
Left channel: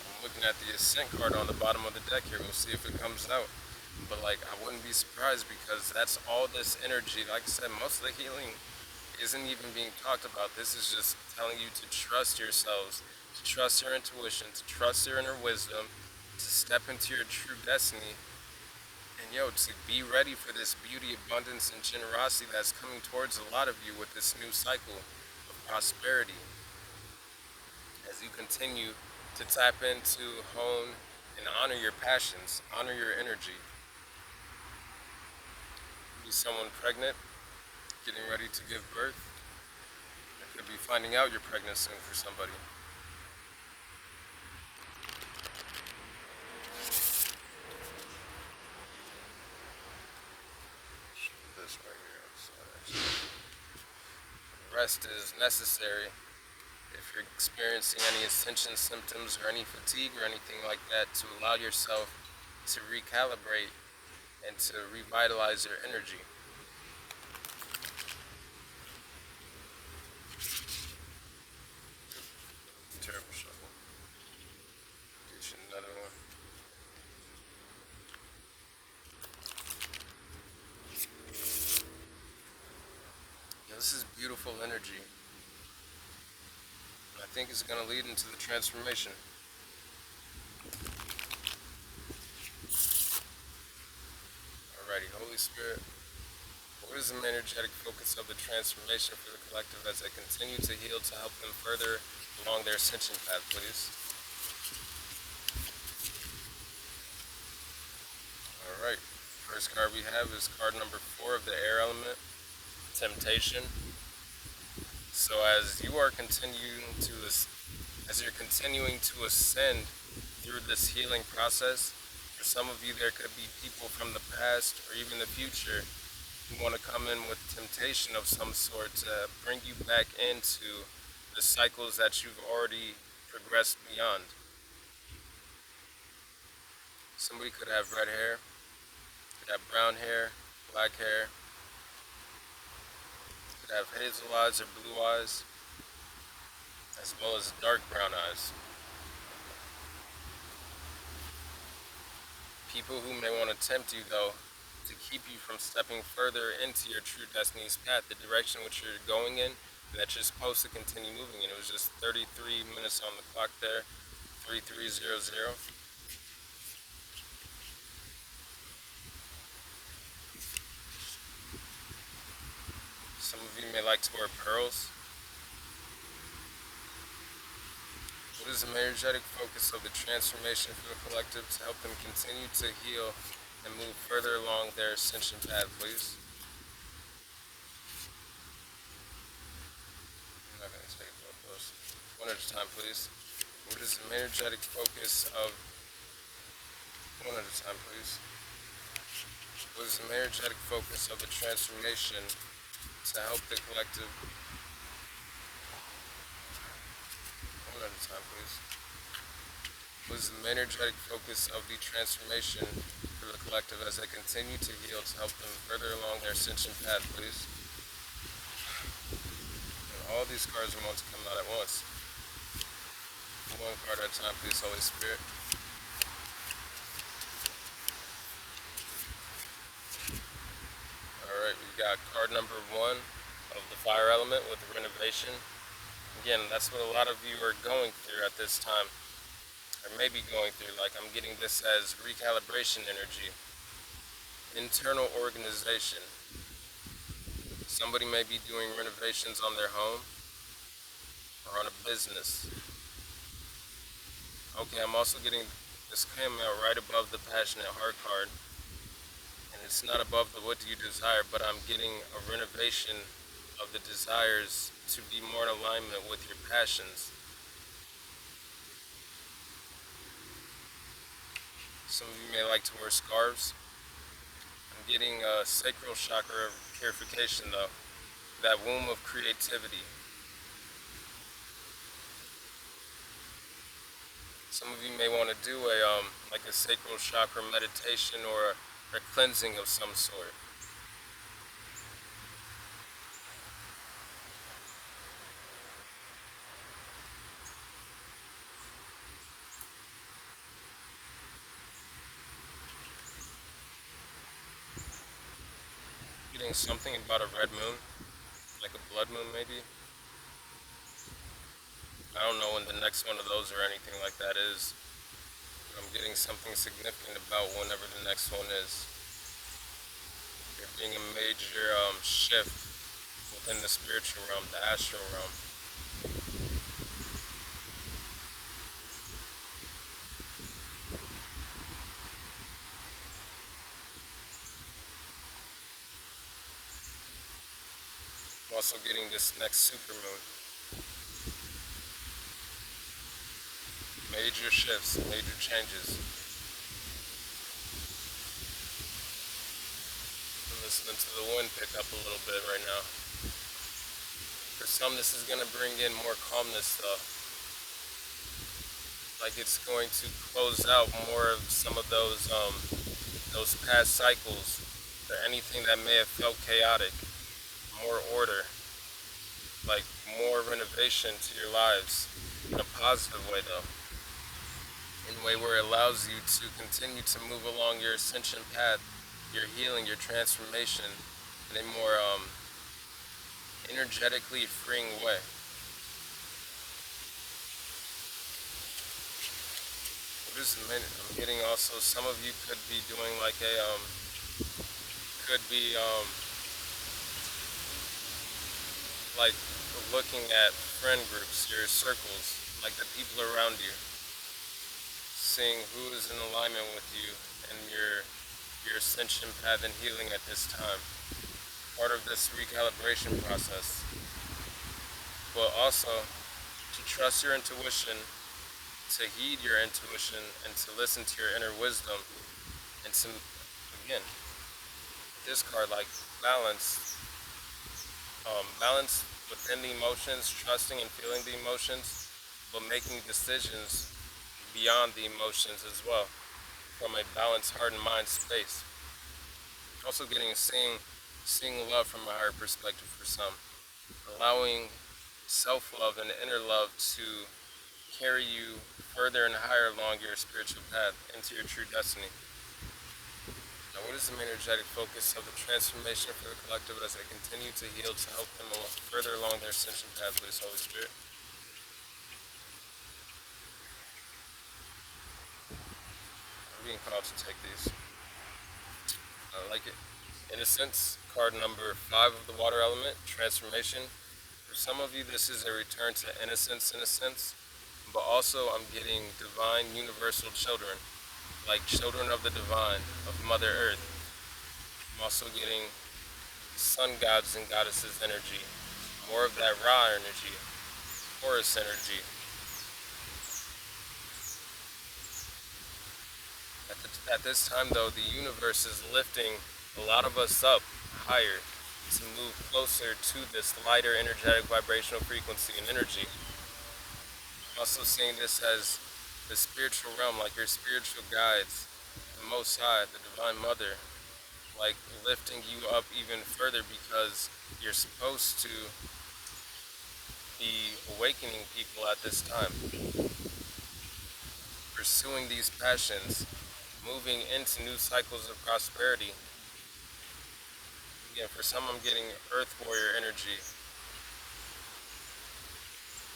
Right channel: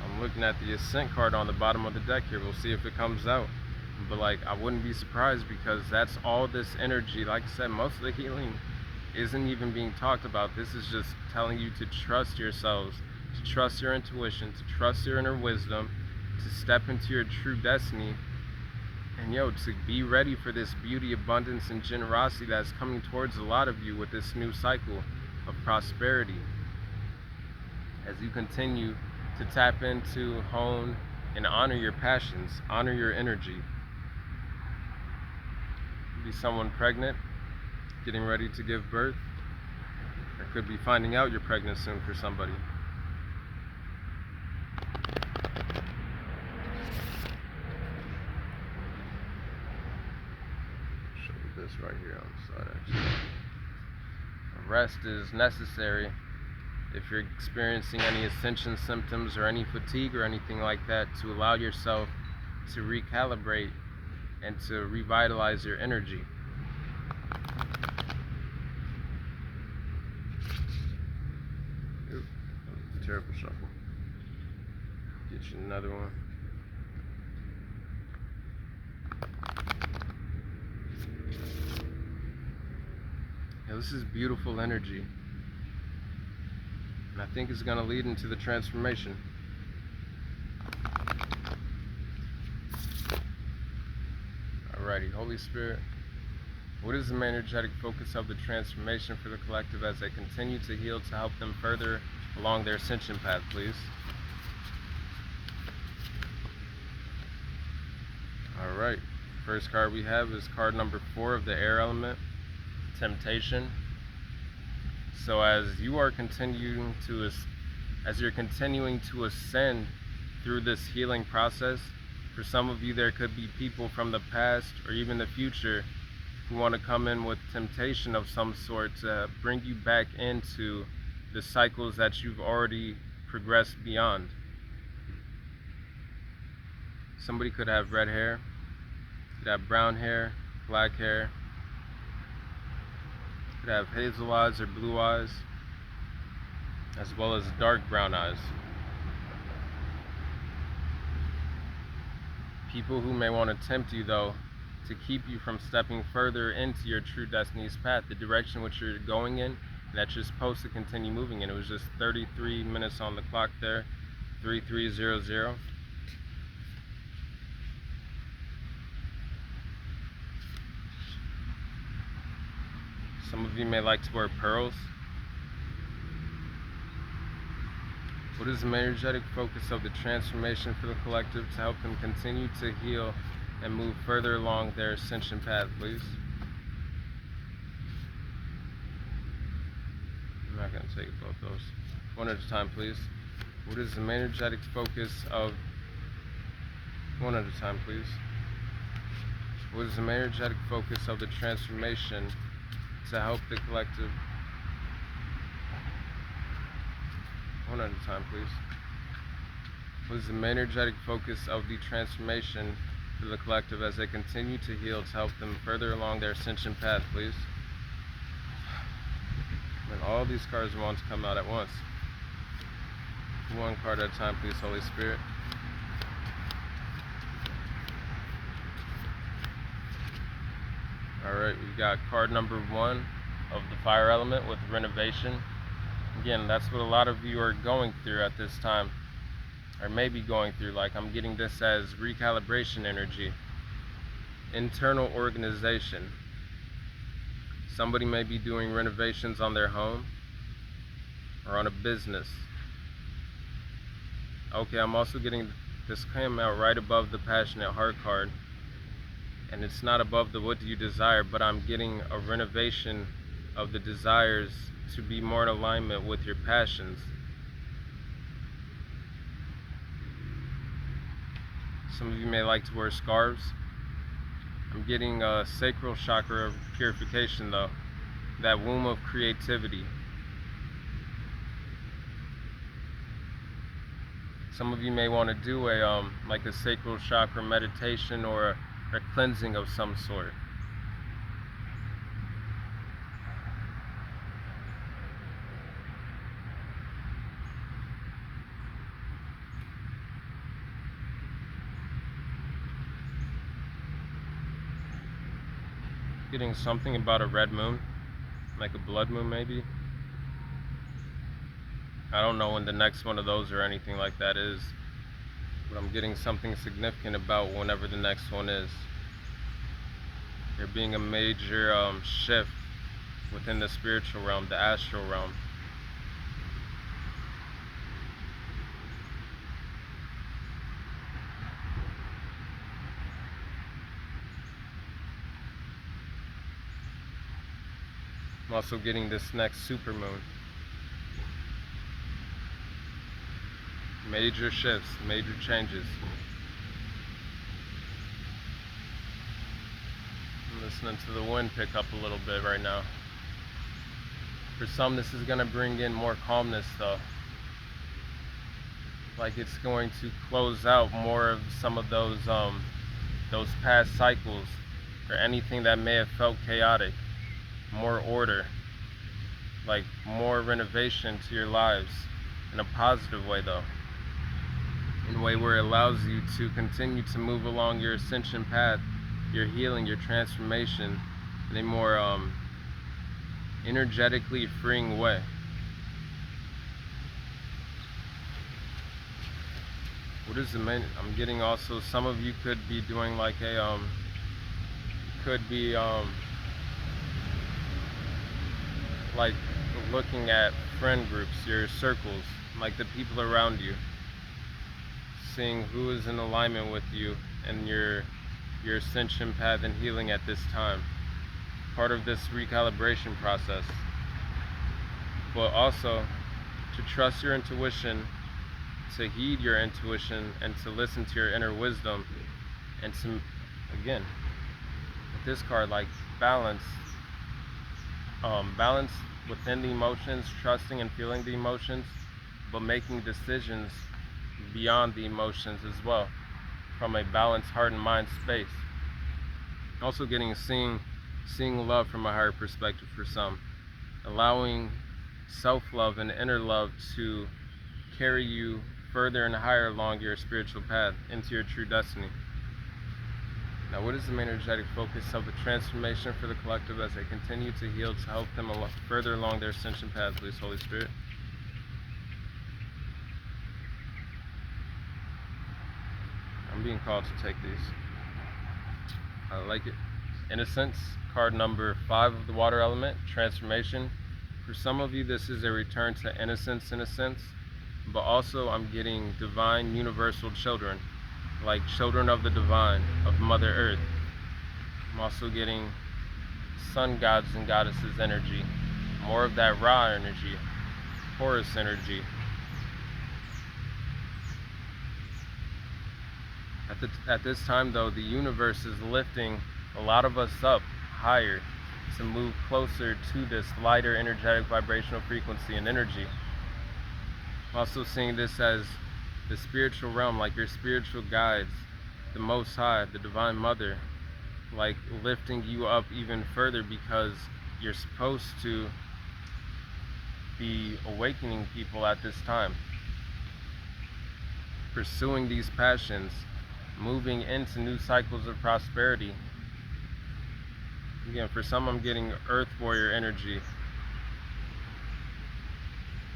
I'm looking at the Ascent card on the bottom of the deck here. We'll see if it comes out. But like, I wouldn't be surprised, because that's all this energy. Like I said, most of the healing isn't even being talked about. This is just telling you to trust yourselves, to trust your intuition, to trust your inner wisdom, to step into your true destiny, and to be ready for this beauty, abundance, and generosity that's coming towards a lot of you with this new cycle of prosperity. As you continue to tap into, hone, and honor your passions, honor your energy. Be someone pregnant, getting ready to give birth, or could be finding out you're pregnant soon for somebody. Show you this right here on the side, actually. Rest is necessary if you're experiencing any ascension symptoms or any fatigue or anything like that, to allow yourself to recalibrate and to revitalize your energy. Terrible shuffle. Get you another one. Now, this is beautiful energy. And I think it's going to lead into the transformation. Alrighty, Holy Spirit, what is the main energetic focus of the transformation for the collective as they continue to heal, to help them further along their ascension path, please? Alright, first card we have is card number 4 of the air element, temptation. So as you're continuing to ascend through this healing process, for some of you, there could be people from the past or even the future who want to come in with temptation of some sort to bring you back into the cycles that you've already progressed beyond. Somebody could have red hair, could have brown hair, black hair, could have hazel eyes or blue eyes, as well as dark brown eyes. People who may want to tempt you, though, to keep you from stepping further into your true destiny's path, the direction which you're going in, and that you're supposed to continue moving in. It was just 33 minutes on the clock there, 3300. Some of you may like to wear pearls. What is the main energetic focus of the transformation for the collective to help them continue to heal and move further along their ascension path, please? I'm not going to take both those. One at a time, please. What is the main energetic focus of... One at a time, please. What is the main energetic focus of the transformation to help the collective... One at a time, please. What is the main energetic focus of the transformation for the collective as they continue to heal to help them further along their ascension path, please? And all these cards want to come out at once. One card at a time, please, Holy Spirit. Alright, we got card number 1 of the fire element with renovation. Again, that's what a lot of you are going through at this time, or maybe going through. Like, I'm getting this as recalibration energy, internal organization. Somebody may be doing renovations on their home or on a business. Okay, I'm also getting, this came out right above the passionate heart card, and it's not above the what do you desire, but I'm getting a renovation of the desires to be more in alignment with your passions. Some of you may like to wear scarves. I'm getting a sacral chakra of purification though, that womb of creativity. Some of you may want to do a like a sacral chakra meditation or a cleansing of some sort. Getting something about a red moon, like a blood moon maybe. I don't know when the next one of those or anything like that is, but I'm getting something significant about whenever the next one is. There being a major shift within the spiritual realm, the astral realm. I'm also getting this next supermoon. Major shifts, major changes. I'm listening to the wind pick up a little bit right now. For some, this is going to bring in more calmness though. Like it's going to close out more of some of those past cycles or anything that may have felt chaotic. More order, like more renovation to your lives in a positive way though, in a way where it allows you to continue to move along your ascension path, your healing, your transformation in a more energetically freeing way. What is the main? I'm getting also some of you could be doing like a like looking at friend groups, your circles, like the people around you, seeing who is in alignment with you and your ascension path and healing at this time. Part of this recalibration process. But also to trust your intuition, to heed your intuition, and to listen to your inner wisdom, and to, again, with this card, like balance within the emotions, trusting and feeling the emotions, but making decisions beyond the emotions as well, from a balanced heart and mind space. Also seeing love from a higher perspective for some, allowing self-love and inner love to carry you further and higher along your spiritual path into your true destiny. Now, what is the main energetic focus of the transformation for the collective as they continue to heal to help them further along their ascension path, please, Holy Spirit? I'm being called to take these. I like it. Innocence, card number 5 of the water element, transformation. For some of you, this is a return to innocence in a sense, but also I'm getting divine universal children, like children of the divine, of Mother Earth. I'm also getting sun gods and goddesses energy, more of that Ra energy, Horus energy. At this time though, the universe is lifting a lot of us up higher to move closer to this lighter energetic vibrational frequency and energy. I'm also seeing this as the spiritual realm, like your spiritual guides, the Most High, the Divine Mother, like lifting you up even further because you're supposed to be awakening people at this time, pursuing these passions, moving into new cycles of prosperity. Again, for some, I'm getting Earth Warrior energy.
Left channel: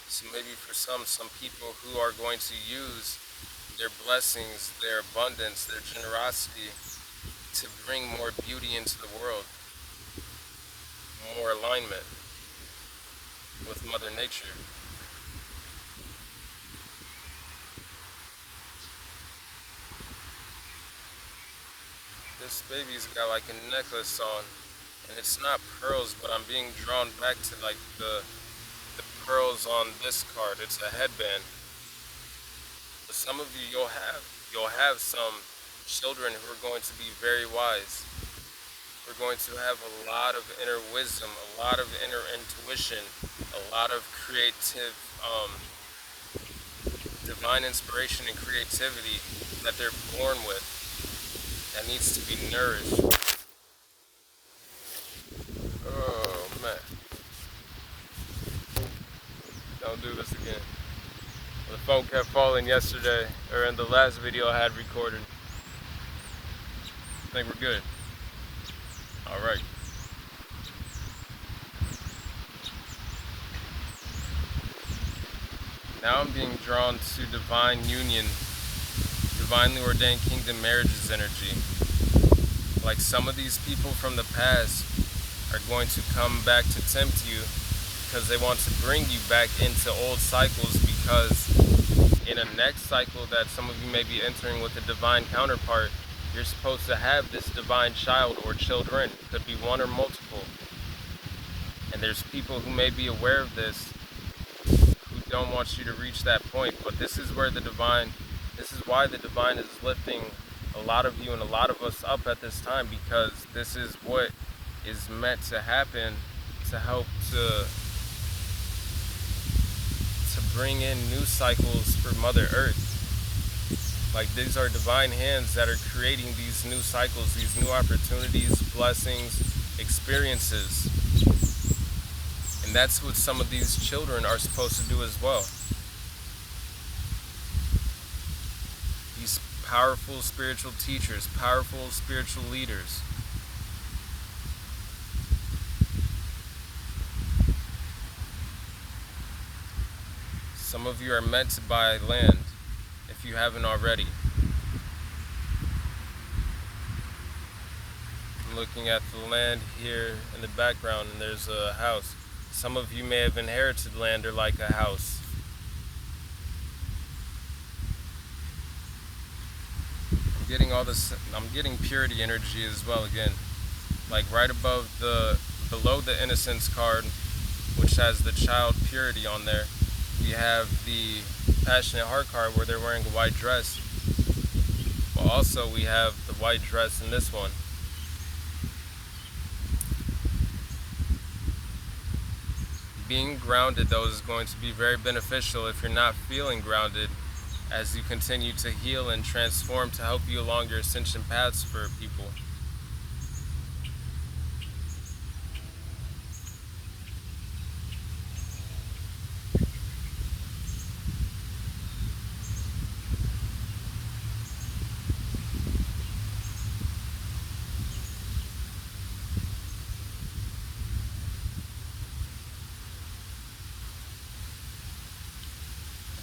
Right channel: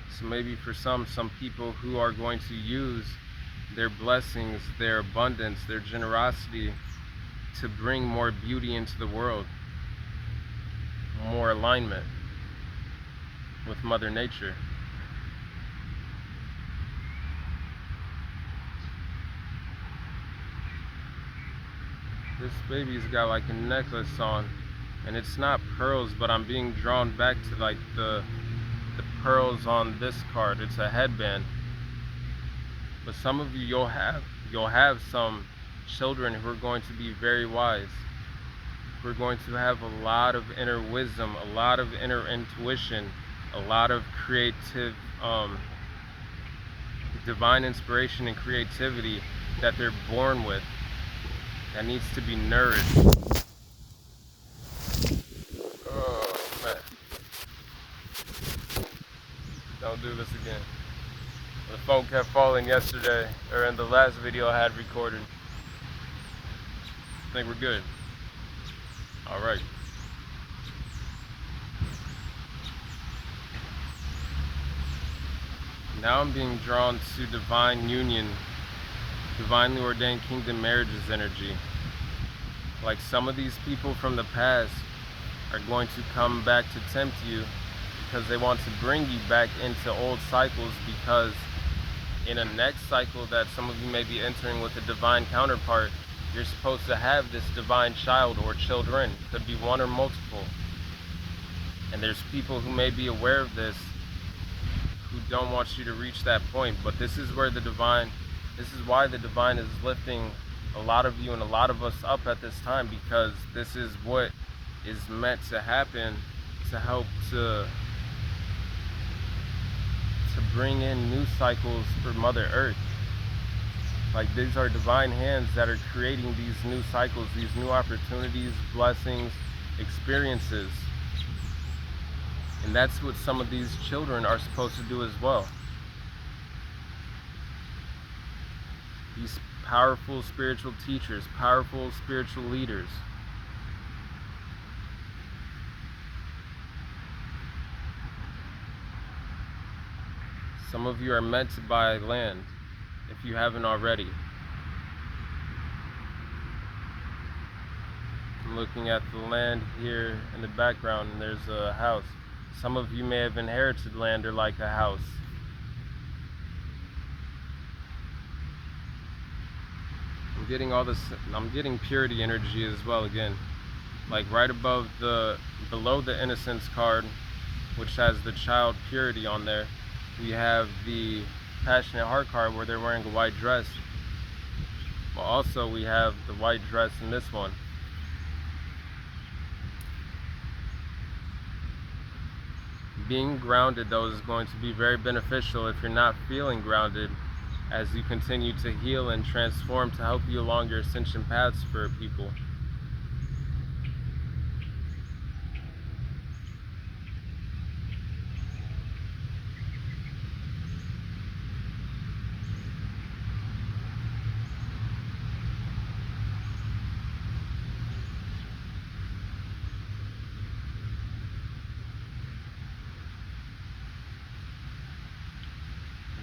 So maybe for some people who are going to use their blessings, their abundance, their generosity to bring more beauty into the world, more alignment with Mother Nature. This baby's got like a necklace on, and it's not pearls, but I'm being drawn back to like the pearls on this card. It's a headband. But some of you, you'll have some children who are going to be very wise, We're going to have a lot of inner wisdom, a lot of inner intuition, a lot of creative, divine inspiration and creativity that they're born with that needs to be nourished. Oh man, don't do this again. The phone kept falling yesterday, or in the last video I had recorded. I think we're good. All right. Now I'm being drawn to divine union, divinely ordained kingdom marriages energy. Like some of these people from the past are going to come back to tempt you because they want to bring you back into old cycles, because in a next cycle that some of you may be entering with a divine counterpart, you're supposed to have this divine child or children. It could be one or multiple. And there's people who may be aware of this who don't want you to reach that point. But this is why the divine is lifting a lot of you and a lot of us up at this time, because this is what is meant to happen to help to bring in new cycles for Mother Earth. Like, these are divine hands that are creating these new cycles, these new opportunities, blessings, experiences. And that's what some of these children are supposed to do as well. These powerful spiritual teachers, powerful spiritual leaders. Some of you are meant to buy land, if you haven't already. I'm looking at the land here in the background, and there's a house. Some of you may have inherited land or like a house. I'm getting purity energy as well again. Like right below the innocence card, which has the child purity on there, we have the passionate heart card where they're wearing a white dress. Well, also we have the white dress in this one. Being grounded, though, is going to be very beneficial if you're not feeling grounded, as you continue to heal and transform to help you along your ascension paths for people.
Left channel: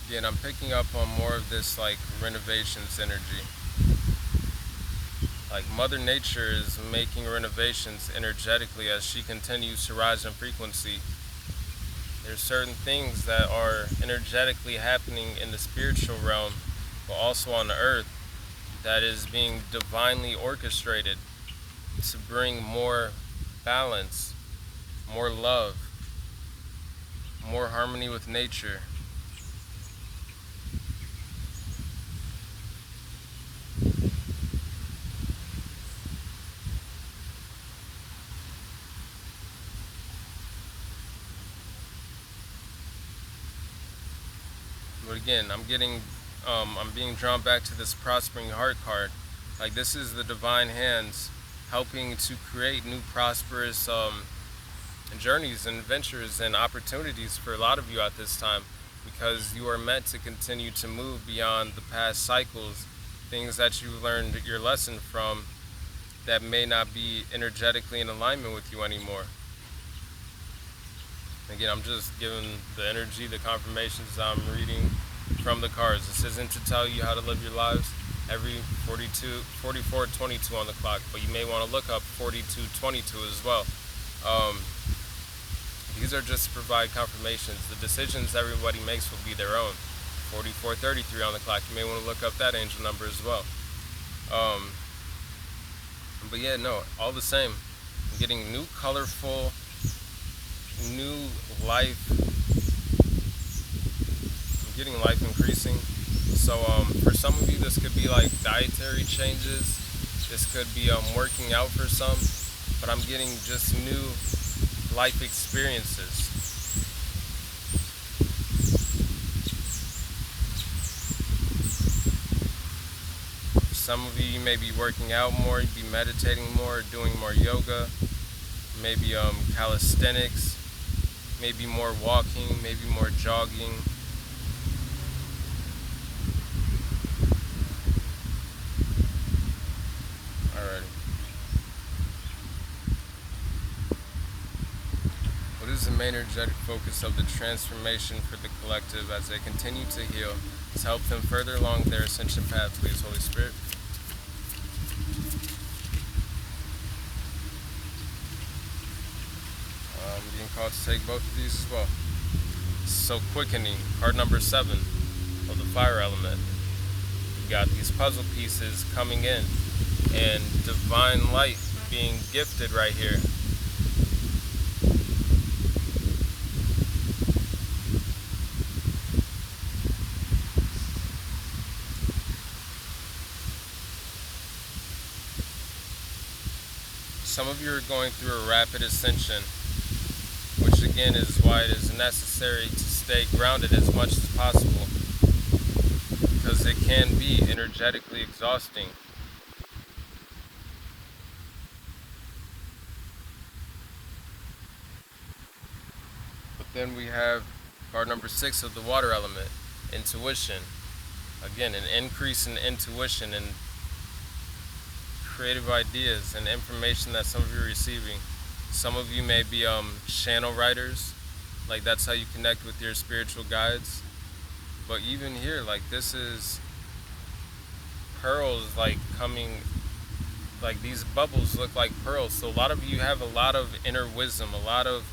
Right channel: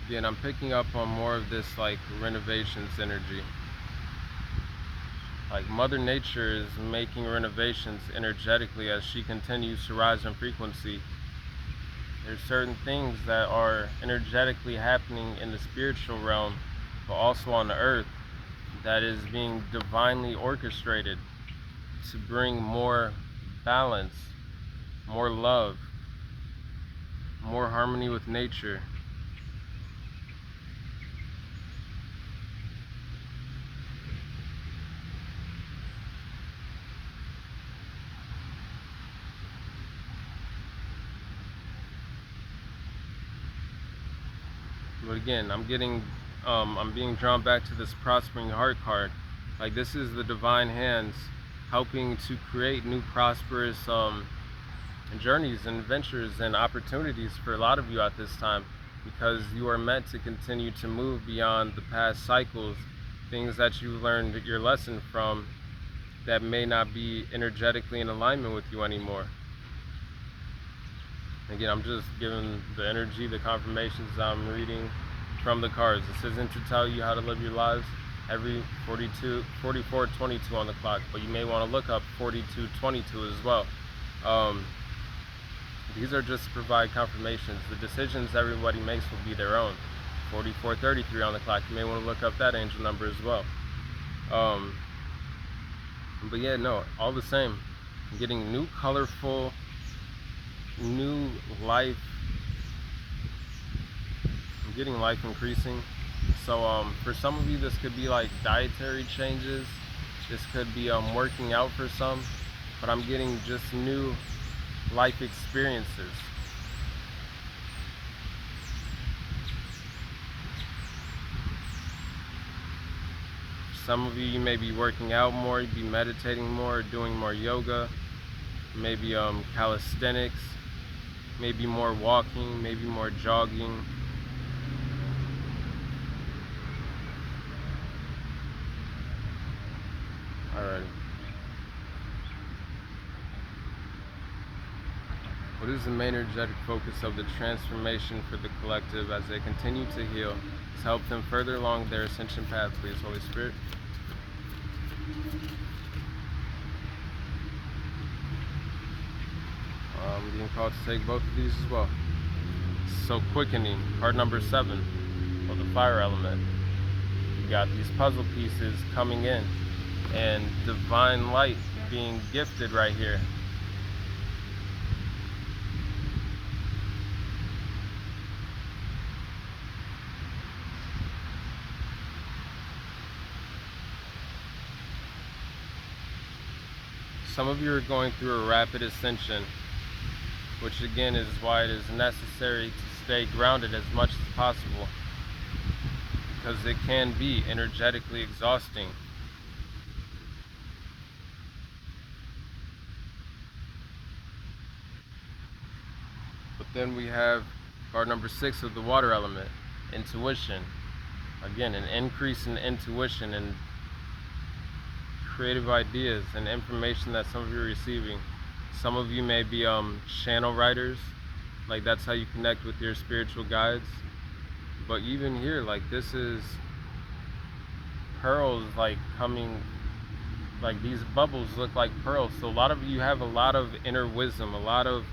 Again, I'm picking up on more of this like renovations energy. Like Mother Nature is making renovations energetically as she continues to rise in frequency. There's certain things that are energetically happening in the spiritual realm, but also on the earth, that is being divinely orchestrated to bring more balance, more love, more harmony with nature. But again, I'm being drawn back to this prospering heart card. Like, this is the divine hands helping to create new prosperous journeys and ventures and opportunities for a lot of you at this time, because you are meant to continue to move beyond the past cycles, things that you learned your lesson from that may not be energetically in alignment with you anymore. Again, I'm just giving the energy, the confirmations I'm reading from the cards. This isn't to tell you how to live your lives every 44:22 on the clock, but you may want to look up 42:22 as well. These are just to provide confirmations. The decisions everybody makes will be their own. 44:33 on the clock. You may want to look up that angel number as well. But yeah, no, all the same, I'm getting new colorful, new life. I'm getting life increasing. So for some of you, this could be like dietary changes. This could be working out for some. but I'm getting just new life experiences. For some of you, you may be working out more, you be meditating more, doing more yoga, maybe calisthenics, maybe more walking, maybe more jogging. Alright. What is the main energetic focus of the transformation for the collective as they continue to heal? To help them further along their ascension path, please, Holy Spirit. I'm being called to take both of these as well. So quickening, card number 7, of the fire element. You got these puzzle pieces coming in, and divine light being gifted right here. Some of you are going through a rapid ascension, which again is why it is necessary to stay grounded as much as possible, because it can be energetically exhausting. But then we have card number 6 of the water element, intuition. Again, an increase in intuition and creative ideas and information that some of you are receiving. Some of you may be channel writers, like that's how you connect with your spiritual guides. But even here, like this is pearls like coming, like these bubbles look like pearls. So a lot of you have a lot of inner wisdom, a lot of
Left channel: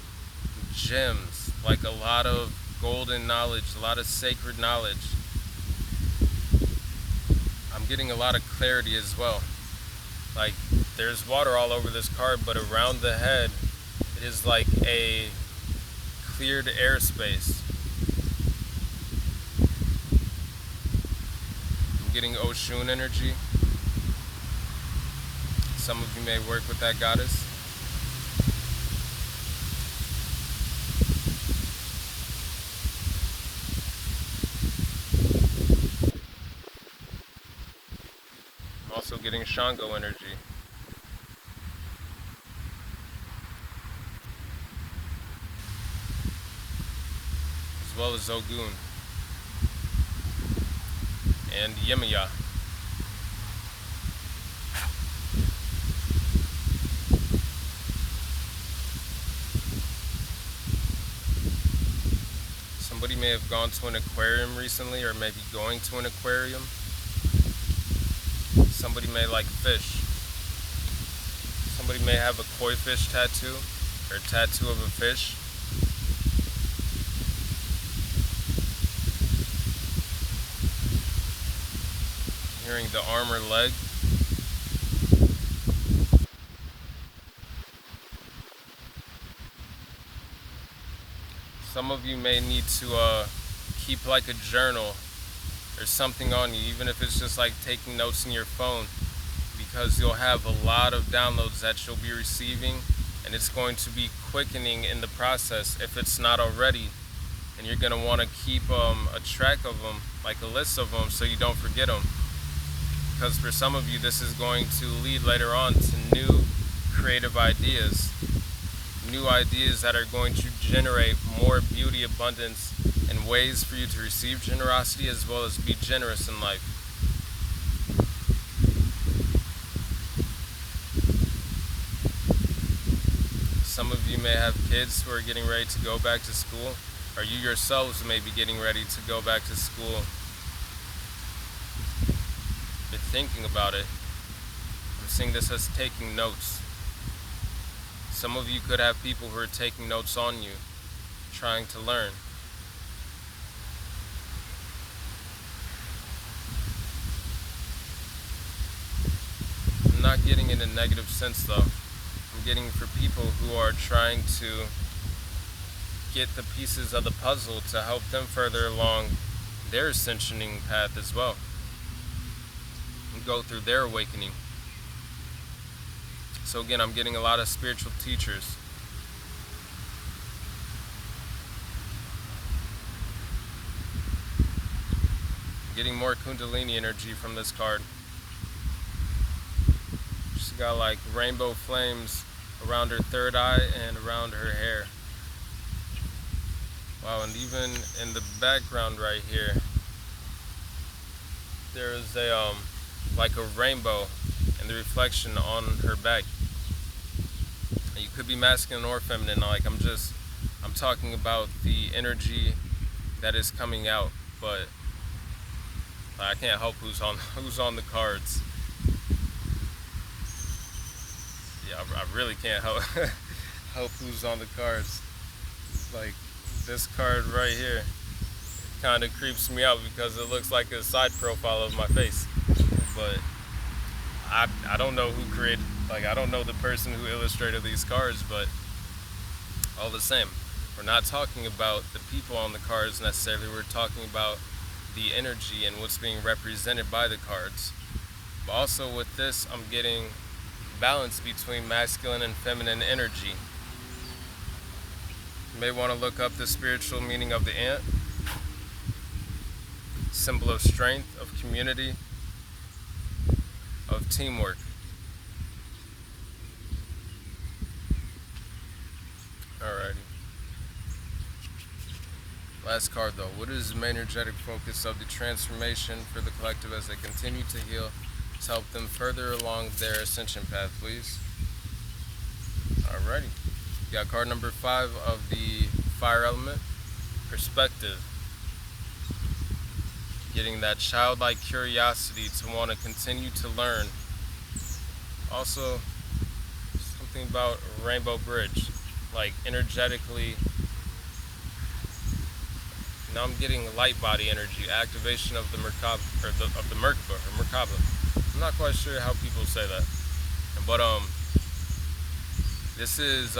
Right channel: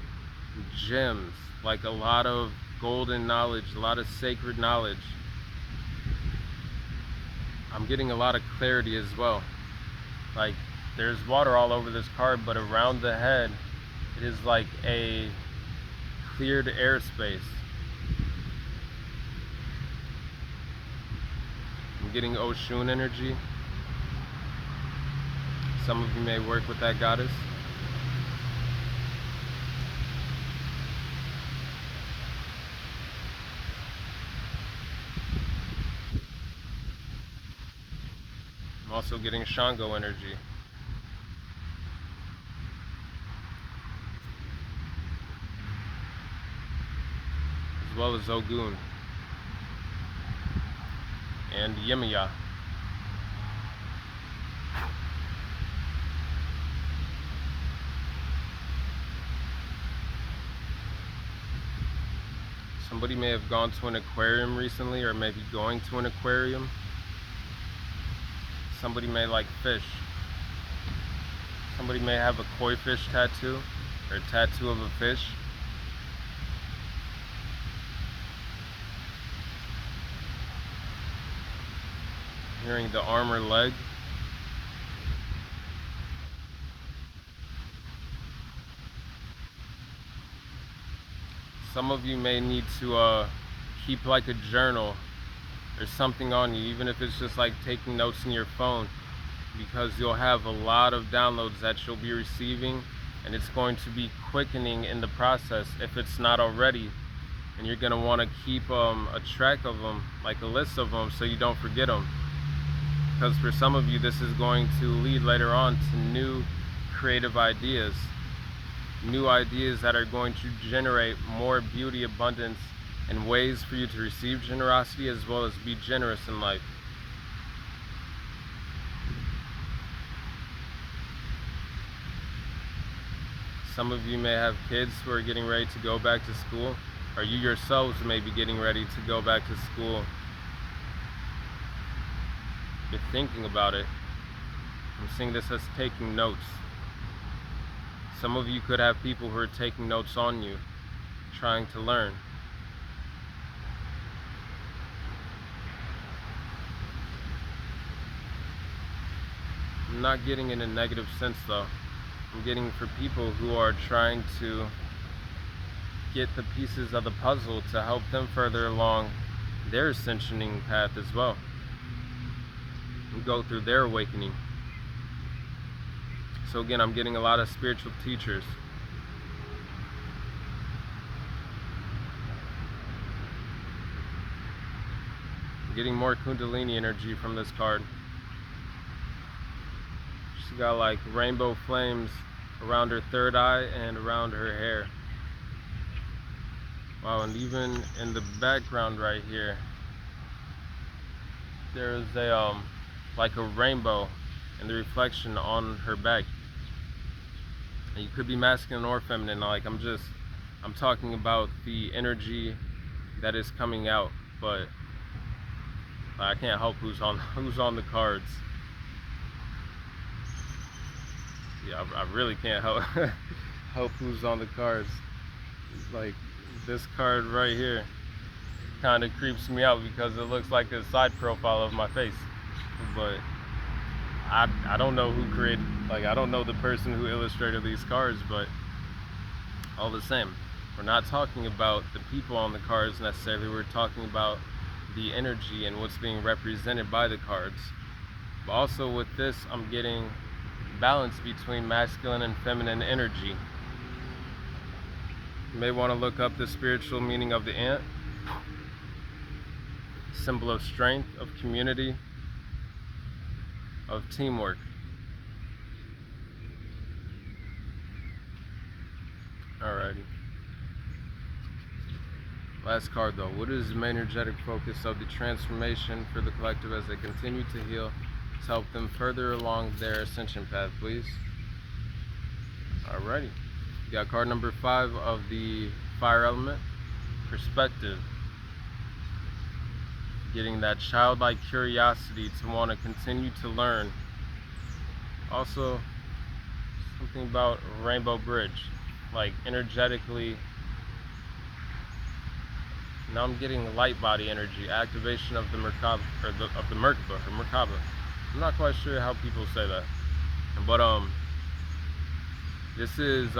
gems, like a lot of golden knowledge, a lot of sacred knowledge. I'm getting a lot of clarity as well. Like there's water all over this card, but around the head it is like a cleared airspace. I'm getting Oshun energy. Some of you may work with that goddess. I'm also getting Shango energy. As well as Ogun and Yemiya. Somebody may have gone to an aquarium recently, or maybe going to an aquarium. Somebody may like fish. Somebody may have a koi fish tattoo, or a tattoo of a fish. Hearing the arm or leg. Some of you may need to keep like a journal or something on you, even if it's just like taking notes in your phone, because you'll have a lot of downloads that you'll be receiving, and it's going to be quickening in the process if it's not already. And you're going to want to keep a track of them, like a list of them, so you don't forget them. Because for some of you, this is going to lead later on to new creative ideas. New ideas that are going to generate more beauty, abundance, and ways for you to receive generosity as well as be generous in life. Some of you may have kids who are getting ready to go back to school, or you yourselves may be getting ready to go back to school. You're thinking about it. I'm seeing this as taking notes. Some of you could have people who are taking notes on you, trying to learn. I'm not getting in a negative sense though. I'm getting for people who are trying to get the pieces of the puzzle to help them further along their ascensioning path as well, and go through their awakening. So again, I'm getting a lot of spiritual teachers. Getting more Kundalini energy from this card. She got like rainbow flames around her third eye and around her hair. Wow, and even in the background right here, there is a like a rainbow and the reflection on her back. And you could be masculine or feminine. Like I'm talking about the energy that is coming out, but I can't help who's on the cards. Yeah, I really can't help help who's on the cards. Like this card right here kind of creeps me out because it looks like a side profile of my face. But I don't know who created, like I don't know the person who illustrated these cards, but all the same, we're not talking about the people on the cards necessarily. We're talking about the energy and what's being represented by the cards. But also with this, I'm getting balance between masculine and feminine energy. You may want to look up the spiritual meaning of the ant. Symbol of strength, of community, of teamwork. Alrighty. Last card though. What is the main energetic focus of the transformation for the collective as they continue to heal to help them further along their ascension path, please? Alrighty. You got card number 5 of the fire element, perspective. Getting that childlike curiosity to want to continue to learn. Also, something about Rainbow Bridge, like energetically. Now I'm getting light body energy, activation of the Merkaba, or the Merkaba. I'm not quite sure how people say that, but this is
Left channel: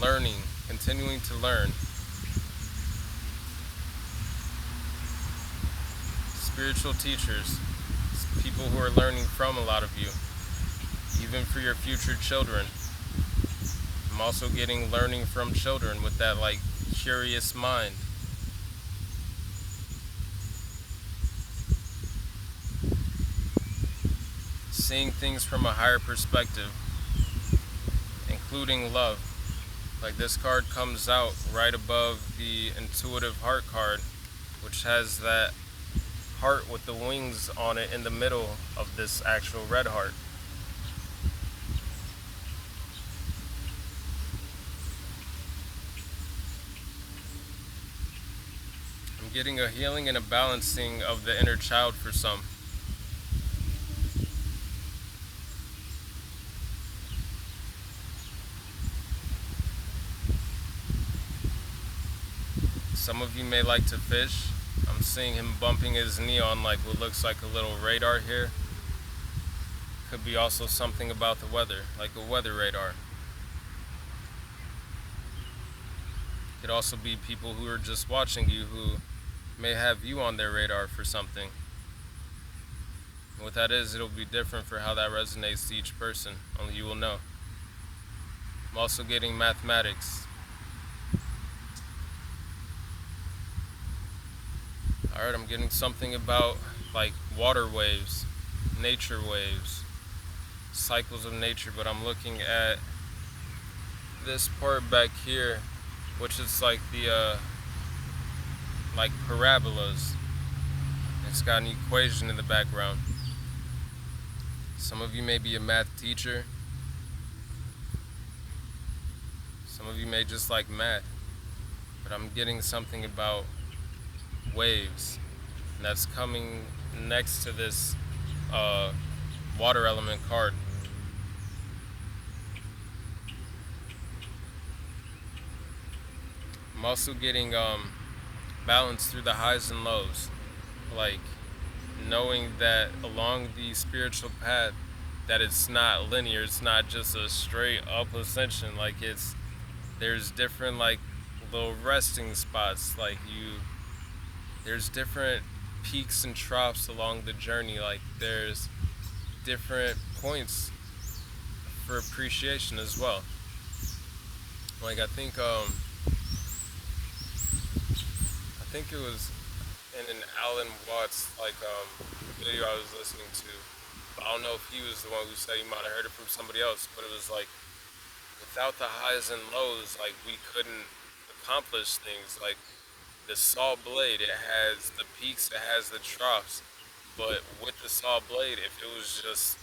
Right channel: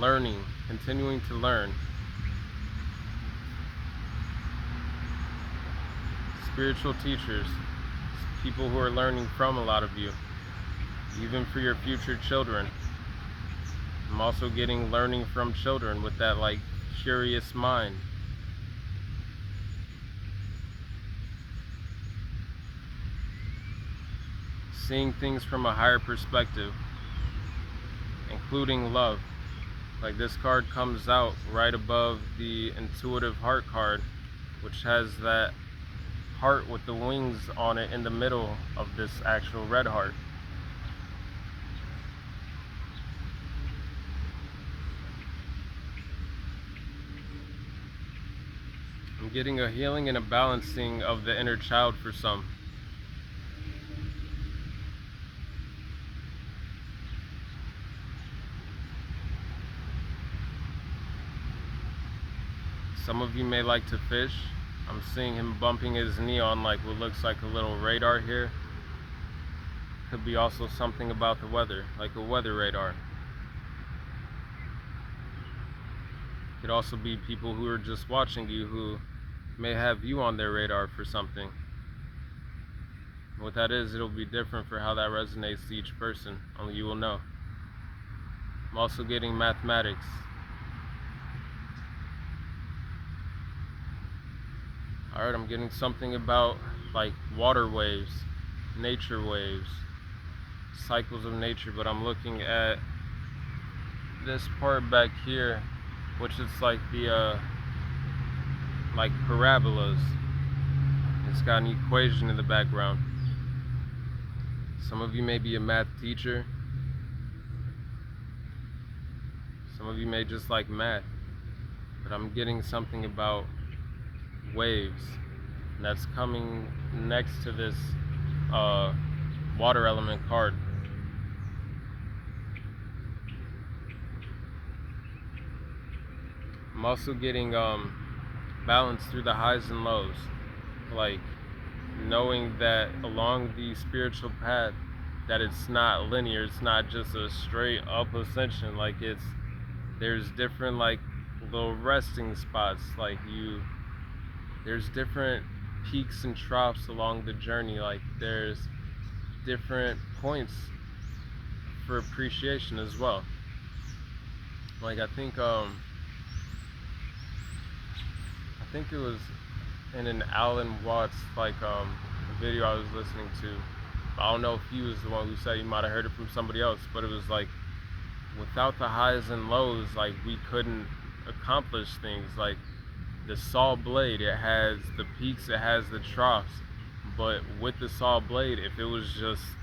learning, continuing to learn. Spiritual teachers, people who are learning from a lot of you, even for your future children. I'm also getting learning from children with that like curious mind. Seeing things from a higher perspective, including love. Like this card comes out right above the intuitive heart card, which has that heart with the wings on it in the middle of this actual red heart. I'm getting a healing and a balancing of the inner child for some. Some of you may like to fish. I'm seeing him bumping his knee on like what looks like a little radar here. Could be also something about the weather, like a weather radar. Could also be people who are just watching you who may have you on their radar for something. What that is, it'll be different for how that resonates to each person. Only you will know. I'm also getting mathematics. Alright, I'm getting something about like water waves, nature waves, cycles of nature, but I'm looking at this part back here, which is like the like parabolas. It's got an equation in the background. Some of you may be a math teacher. Some of you may just like math, but I'm getting something about waves that's coming next to this water element card. I'm also getting balance through the highs and lows, like knowing that along the spiritual path that it's not linear, it's not just a straight up ascension. Like there's different like little resting spots, like there's different peaks and troughs along the journey. Like there's different points for appreciation as well. Like I think it was in an Alan Watts video I was listening to. I don't know if he was the one who said, you might have heard it from somebody else, but it was like, without the highs and lows, like we couldn't accomplish things. Like the saw blade, it has the peaks, it has the troughs, but with the saw blade, if it was just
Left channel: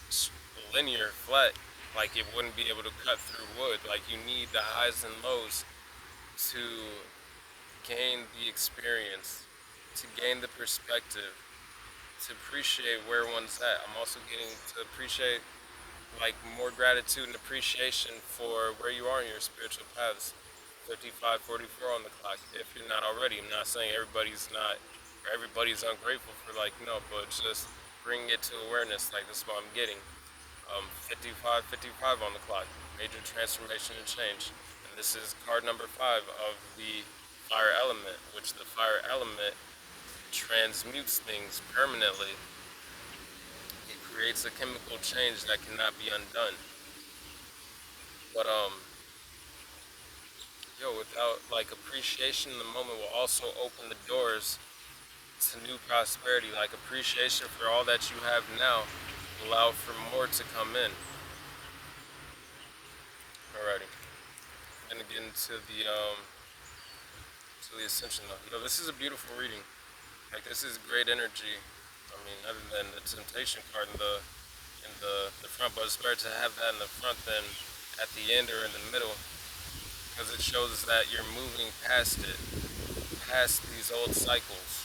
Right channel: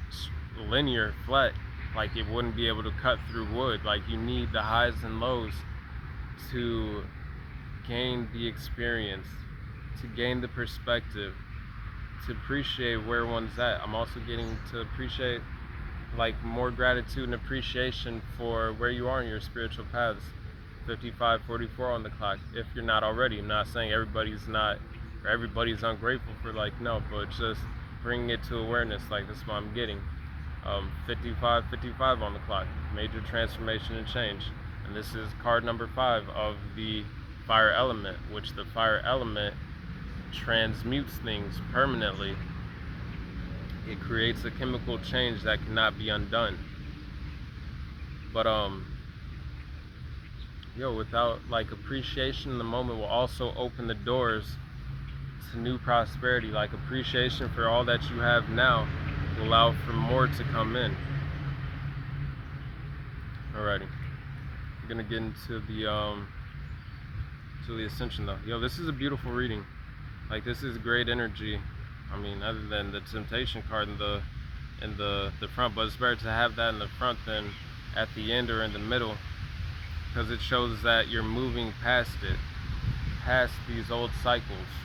linear, flat, like it wouldn't be able to cut through wood. Like you need the highs and lows to gain the experience, to gain the perspective, to appreciate where one's at. I'm also getting to appreciate like more gratitude and appreciation for where you are in your spiritual paths. 55:44 on the clock, if you're not already. I'm not saying everybody's ungrateful for, like, no, but just bringing it to awareness, like this is what I'm getting. 55:55 on the clock, major transformation and change. And this is card number 5 of the fire element, which the fire element transmutes things permanently. It creates a chemical change that cannot be undone. But without like appreciation in the moment will also open the doors to new prosperity. Like appreciation for all that you have now will allow for more to come in. Alrighty, we're gonna get into the ascension though. This is a beautiful reading. Like this is great energy. I mean, other than the temptation card in the front, but it's better to have that in the front than at the end or in the middle, because it shows that you're moving past these old cycles.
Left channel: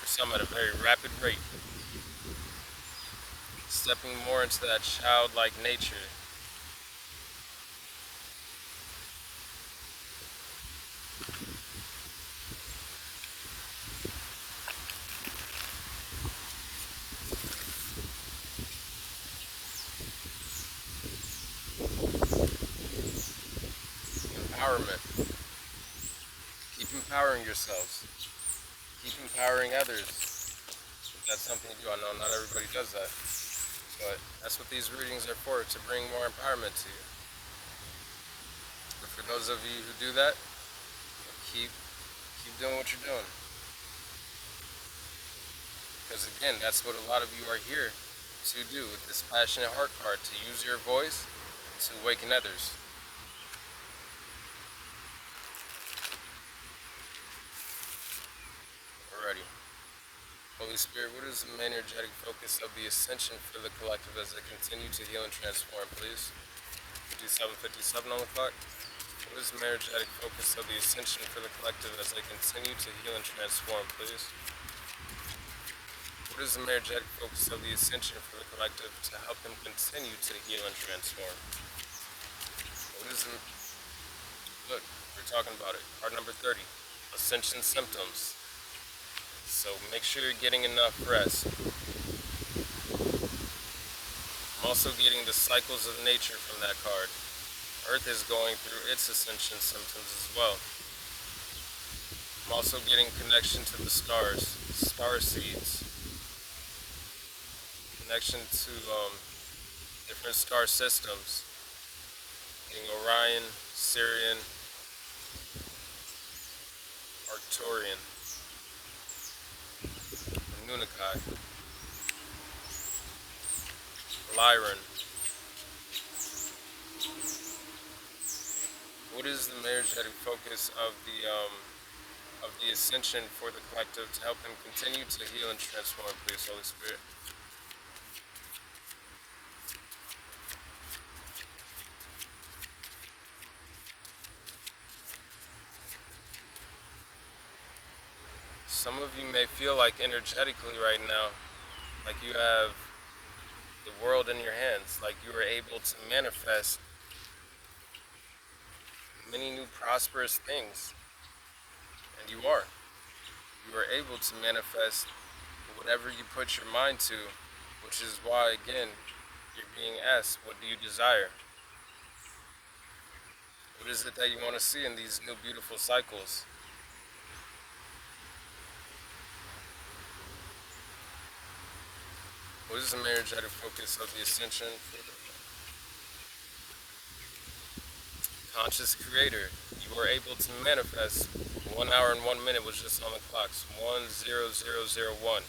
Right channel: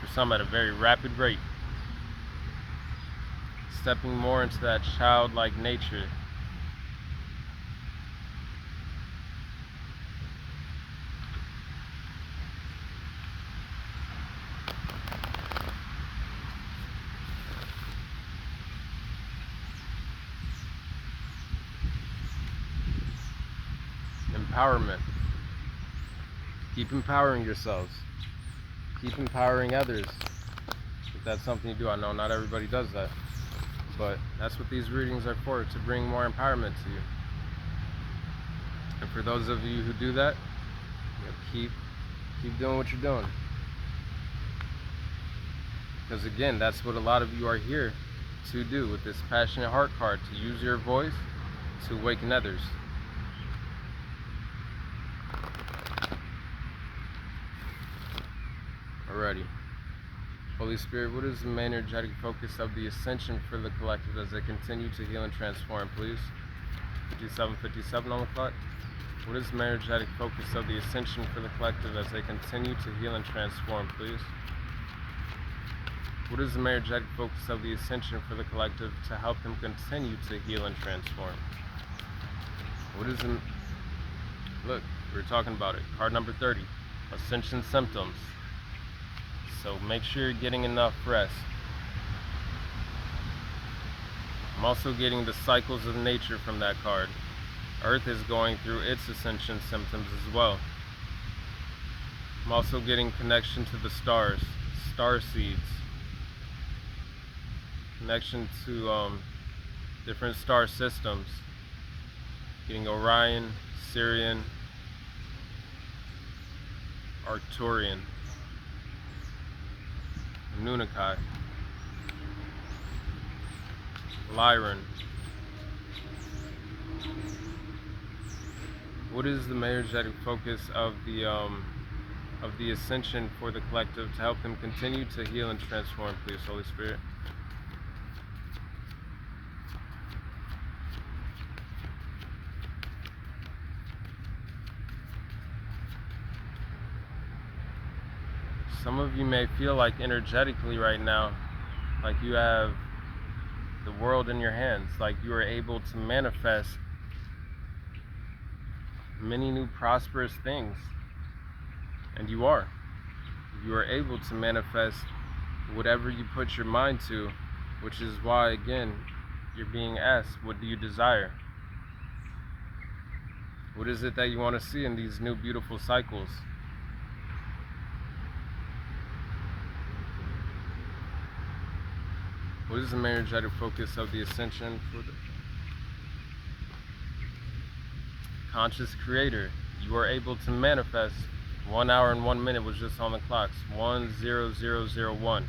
For some at a very rapid rate. Stepping more into that childlike nature. Empowerment. Keep empowering yourselves. Keep empowering others. If that's something you do, I know not everybody does that, but that's what these readings are for, to bring more empowerment to you. And for those of you who do that, keep doing what you're doing. Because again, that's what a lot of you are here to do with this passionate heart card, to use your voice to awaken others. Alrighty. Holy Spirit, what is the main energetic focus of the ascension for the collective as they continue to heal and transform, please? 57:57 on the clock. What is the main energetic focus of the ascension for the collective as they continue to heal and transform, please? What is the main energetic focus of the ascension for the collective to help them continue to heal and transform? What is the... Look, we're talking about it. Card number 30. Ascension symptoms. So make sure you're getting enough rest. I'm also getting the cycles of nature from that card. Earth is going through its ascension symptoms as well. I'm also getting connection to the stars, star seeds. Connection to different star systems. Getting Orion, Sirian, Arcturian, Nunnakai, Lyran. What is the main energetic focus of the ascension for the collective to help them continue to heal and transform, please, Holy Spirit? Some of you may feel like energetically right now, like you have the world in your hands, like you are able to manifest many new prosperous things. And you are. You are able to manifest whatever you put your mind to, which is why, again, you're being asked, what do you desire? What is it that you want to see in these new beautiful cycles? What is the energetic focus of the ascension for the conscious creator? You are able to manifest. 1 hour and 1 minute was just on the clocks. 10001.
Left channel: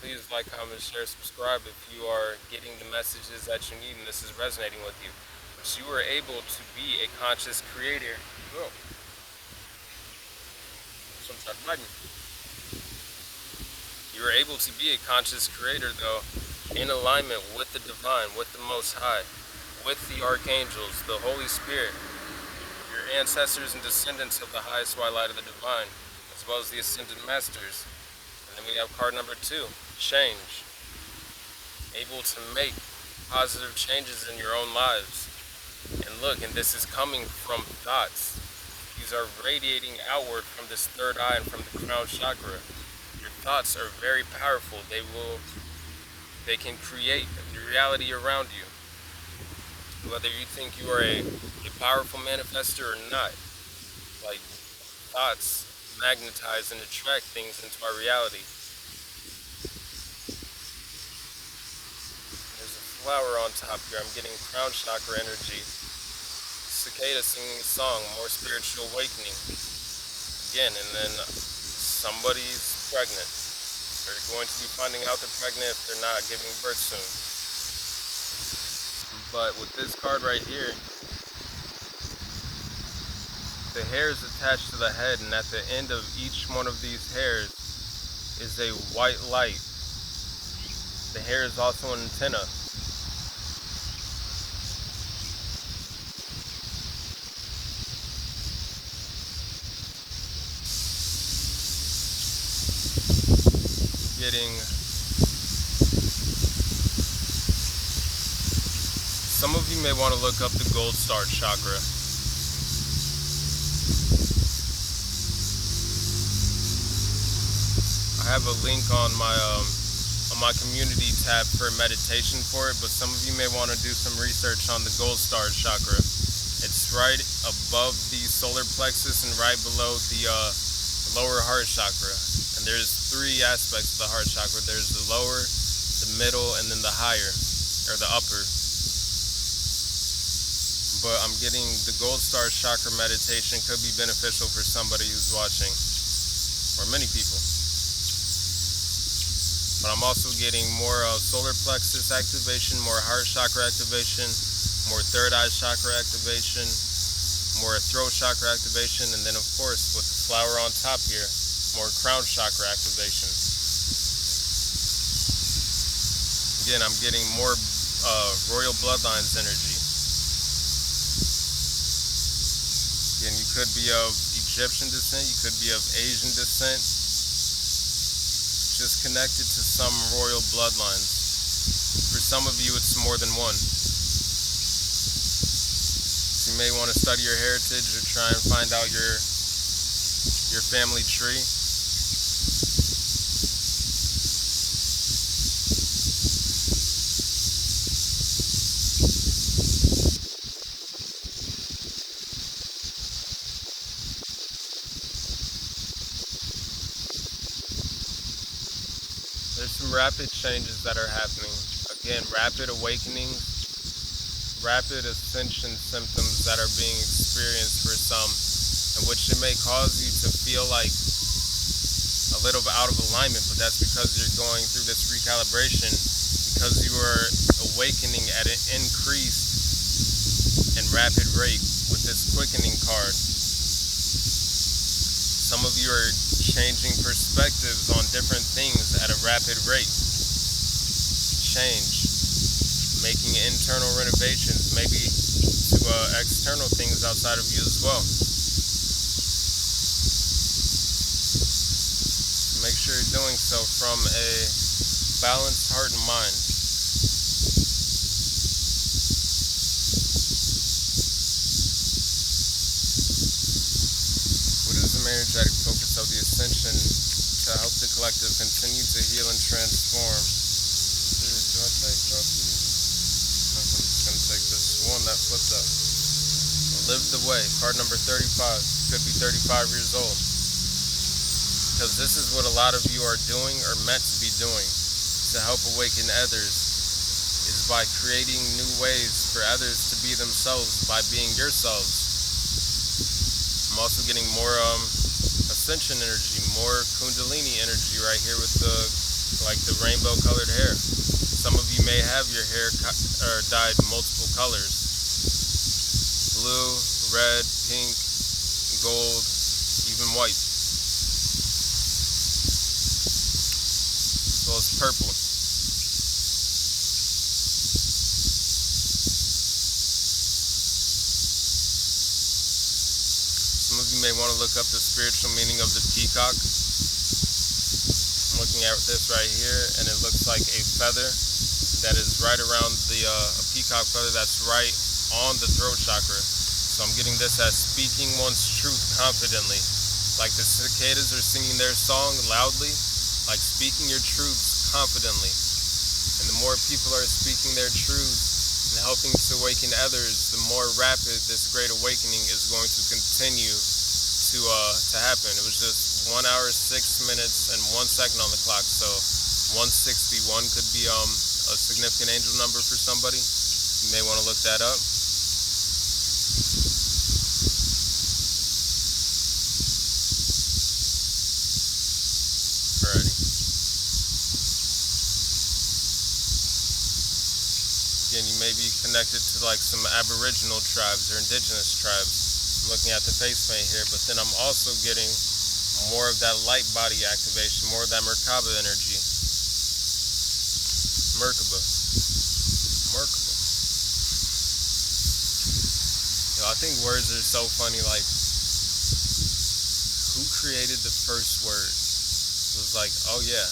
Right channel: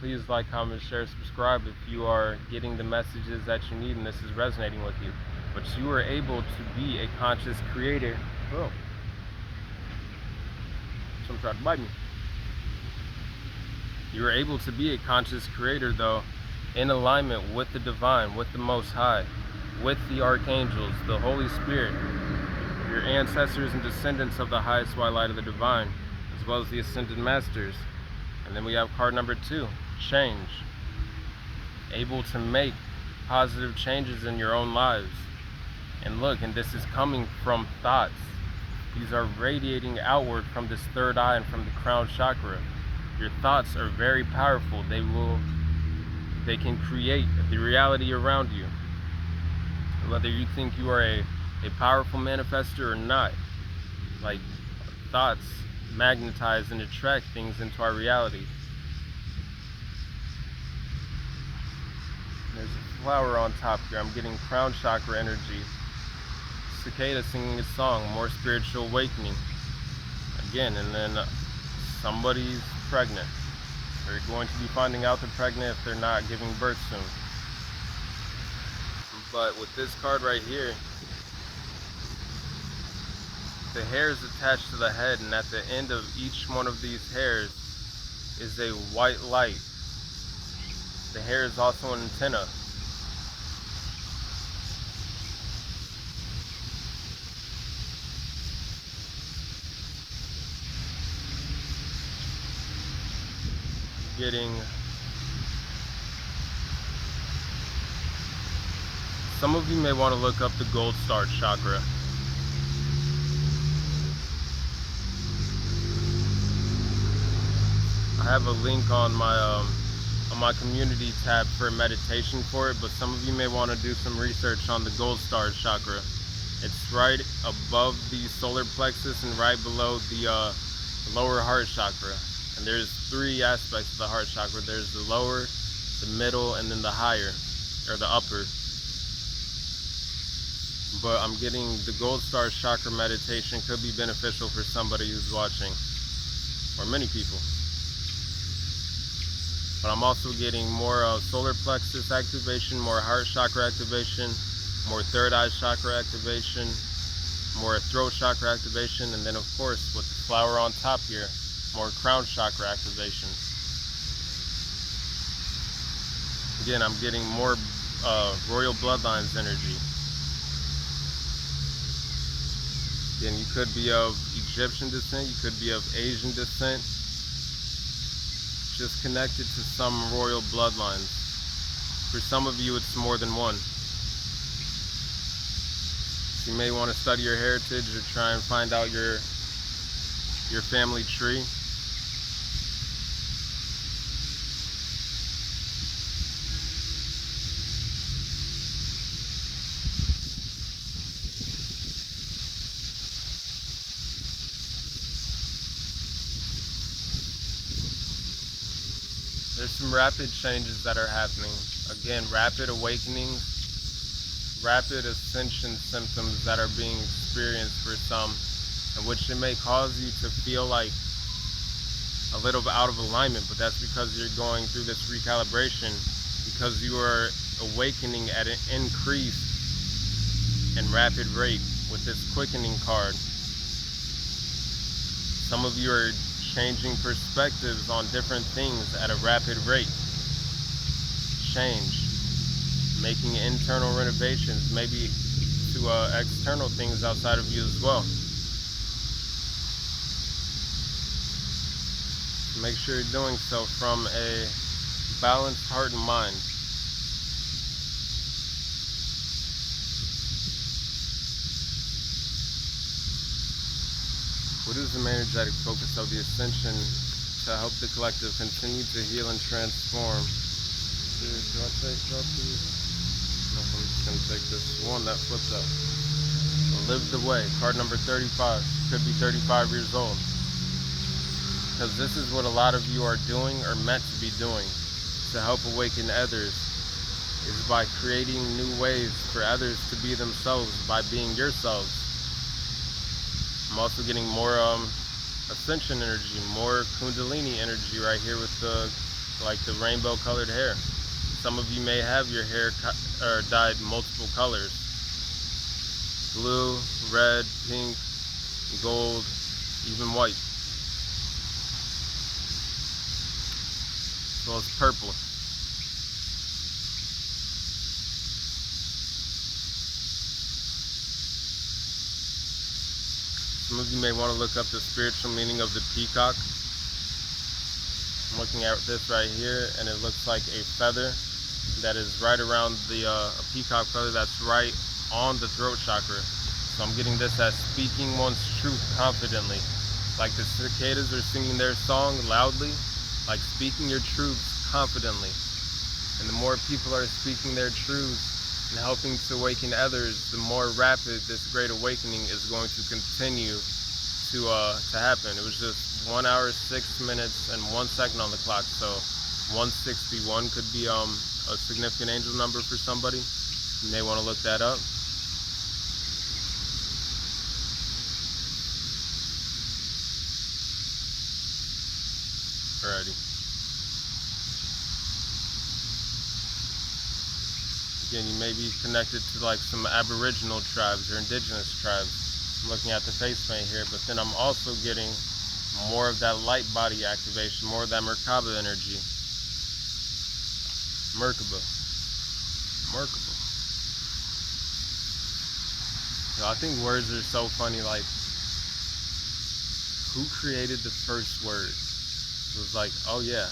Please like, comment, share, subscribe if you are getting the messages that you need and this is resonating with you. But you are able to be a conscious creator. Oh. Someone tried to bite me. You are able to be a conscious creator, though, in alignment with the divine, with the Most High, with the archangels, the Holy Spirit, your ancestors and descendants of the highest white light of the divine, as well as the ascended masters. And then we have card number 2, change. Able to make positive changes in your own lives. And look, and this is coming from thoughts. These are radiating outward from this third eye and from the crown chakra. Your thoughts are very powerful. They can create the reality around you. Whether you think you are a powerful manifester or not, like, thoughts magnetize and attract things into our reality. There's a flower on top here. I'm getting crown chakra energy. Cicada singing a song, more spiritual awakening. Again, and then somebody's pregnant. They're going to be finding out they're pregnant if they're not giving birth soon. But with this card right here, the hairs attached to the head, and at the end of each one of these hairs is a white light. The hair is also an antenna. Some of you may want to look up the gold star chakra. I have a link on my community tab for meditation for it, but some of you may want to do some research on the gold star chakra. It's right above the solar plexus and right below the lower heart chakra. And there's 3 aspects of the heart chakra. There's the lower, the middle, and then the higher, or the upper. But I'm getting the gold star chakra meditation could be beneficial for somebody who's watching, or many people. But I'm also getting more solar plexus activation, more heart chakra activation, more third eye chakra activation, more throat chakra activation, and then of course with the flower on top here, more crown chakra activation. Again, I'm getting more royal bloodlines energy. Again, you could be of Egyptian descent, you could be of Asian descent, just connected to some royal bloodlines. For some of you, it's more than one. So you may want to study your heritage or try and find out your family tree. There's some rapid changes that are happening. Again, rapid awakening, rapid ascension symptoms that are being experienced for some, in which it may cause you to feel like a little bit out of alignment, but that's because you're going through this recalibration, because you are awakening at an increased and rapid rate with this quickening card. Some of you are changing perspectives on different things at a rapid rate. Change, making internal renovations, maybe to external things outside of you as well. Make sure you're doing so from a balanced heart and mind. What is the energetic focus of the ascension to help the collective continue to heal and transform? No, I'm just going to take this one that flipped up. Live the way. Card number 35. Could be 35 years old. Because this is what a lot of you are doing or meant to be doing. to help awaken others is by creating new ways for others to be themselves by being yourselves. I'm also getting more ascension energy, more kundalini energy right here with the rainbow colored hair. Some of you may have your hair dyed multiple colors: blue, red, pink, gold, even white, as well as purple. Some of you may want to look up the spiritual meaning of the peacock. I'm looking at this right here, and it looks like a feather that is right around a peacock feather that's right on the throat chakra. So I'm getting this as speaking one's truth confidently. Like the cicadas are singing their song loudly, like speaking your truths confidently. And the more people are speaking their truths and helping to awaken others, the more rapid this great awakening is going to continue to happen. It was just 1 hour, 6 minutes, and 1 second on the clock. So 161 could be a significant angel number for somebody. You may want to look that up. Alrighty. Again, you may be connected to like some Aboriginal tribes or indigenous tribes. I'm looking at the face paint here, but then I'm also getting more of that light body activation, more of that Merkaba energy. Merkaba. You know, I think words are so funny. Like, who created the first word? It was like, oh yeah,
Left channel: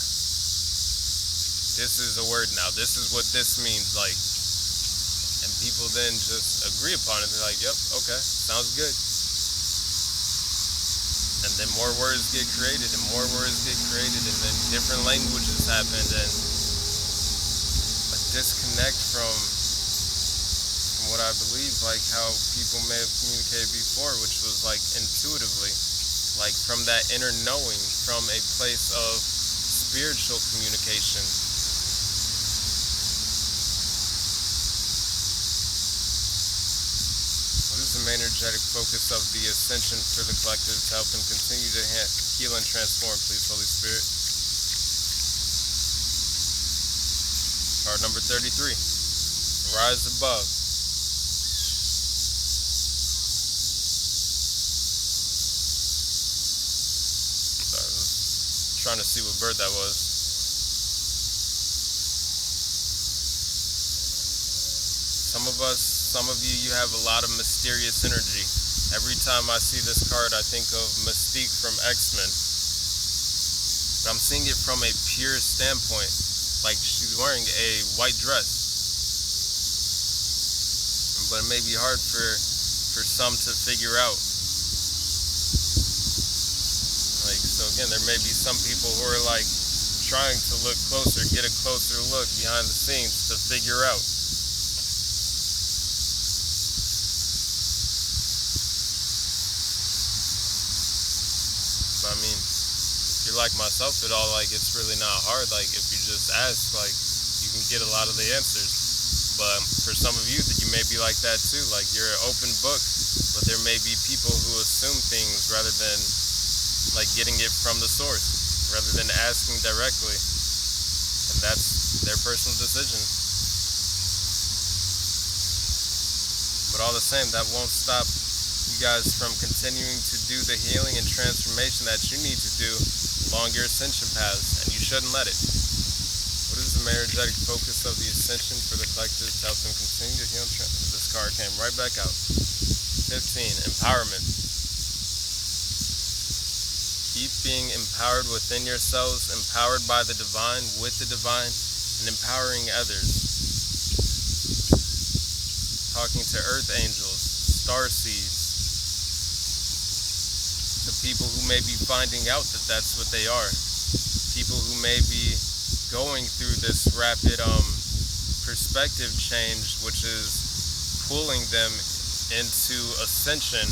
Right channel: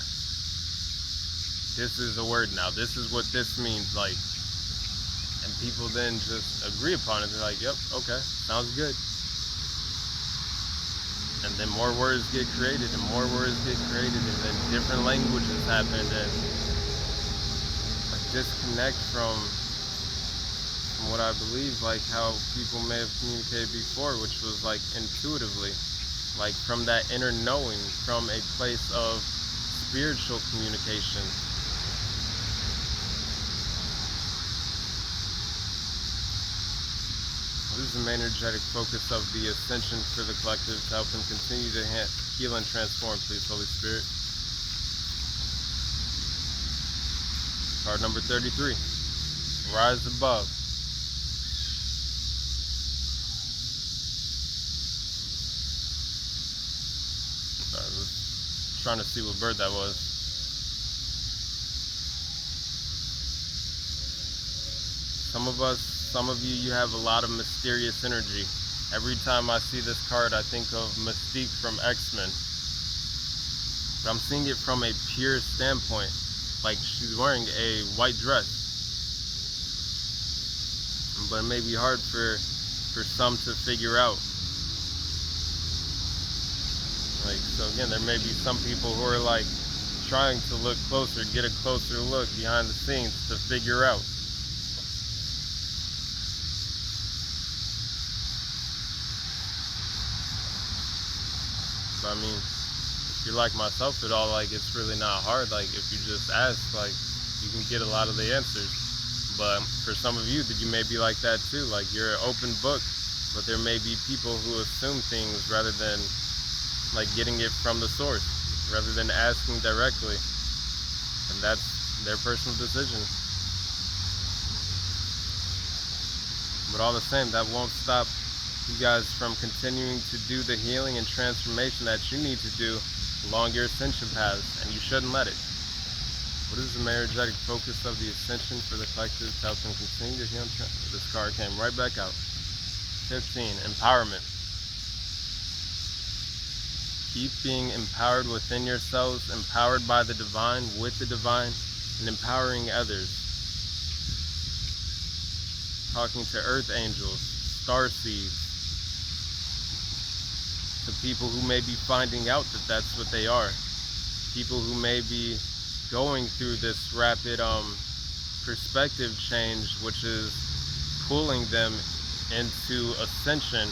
this is a word now. This is what this means. Like, and people then just agree upon it. They're like, yep, okay, sounds good. And then more words get created, and more words get created, and then different languages happen, and a disconnect from what I believe, like how people may have communicated before, which was like intuitively, like from that inner knowing, from a place of spiritual communication. What is the main energetic focus of the ascension for the collective to help them continue to heal and transform, please, Holy Spirit? Card number 33. Rise above. Sorry, I was trying to see what bird that was. Some of you have a lot of mysterious energy. Every time I see this card, I think of Mystique from X-Men. But I'm seeing it from a pure standpoint. Like, she's wearing a white dress. But it may be hard for some to figure out. Like, so again, there may be some people who are like trying to look closer, get a closer look behind the scenes to figure out. I mean, if you're like myself at all, like, it's really not hard. Like, if you just ask, like, you can get a lot of the answers. But for some of you, that you may be like that too. Like, you're an open book, but there may be people who assume things rather than, like, getting it from the source, rather than asking directly. And that's their personal decision. But all the same, that won't stop you guys from continuing to do the healing and transformation that you need to do along your ascension paths, and you shouldn't let it. What is the energetic focus of the ascension for the collective to help them continue to heal? This card came right back out. 15, empowerment. Keep being empowered within yourselves, empowered by the divine, with the divine, and empowering others. Talking to earth angels, star seeds, the people who may be finding out that that's what they are, people who may be going through this rapid perspective change, which is pulling them into ascension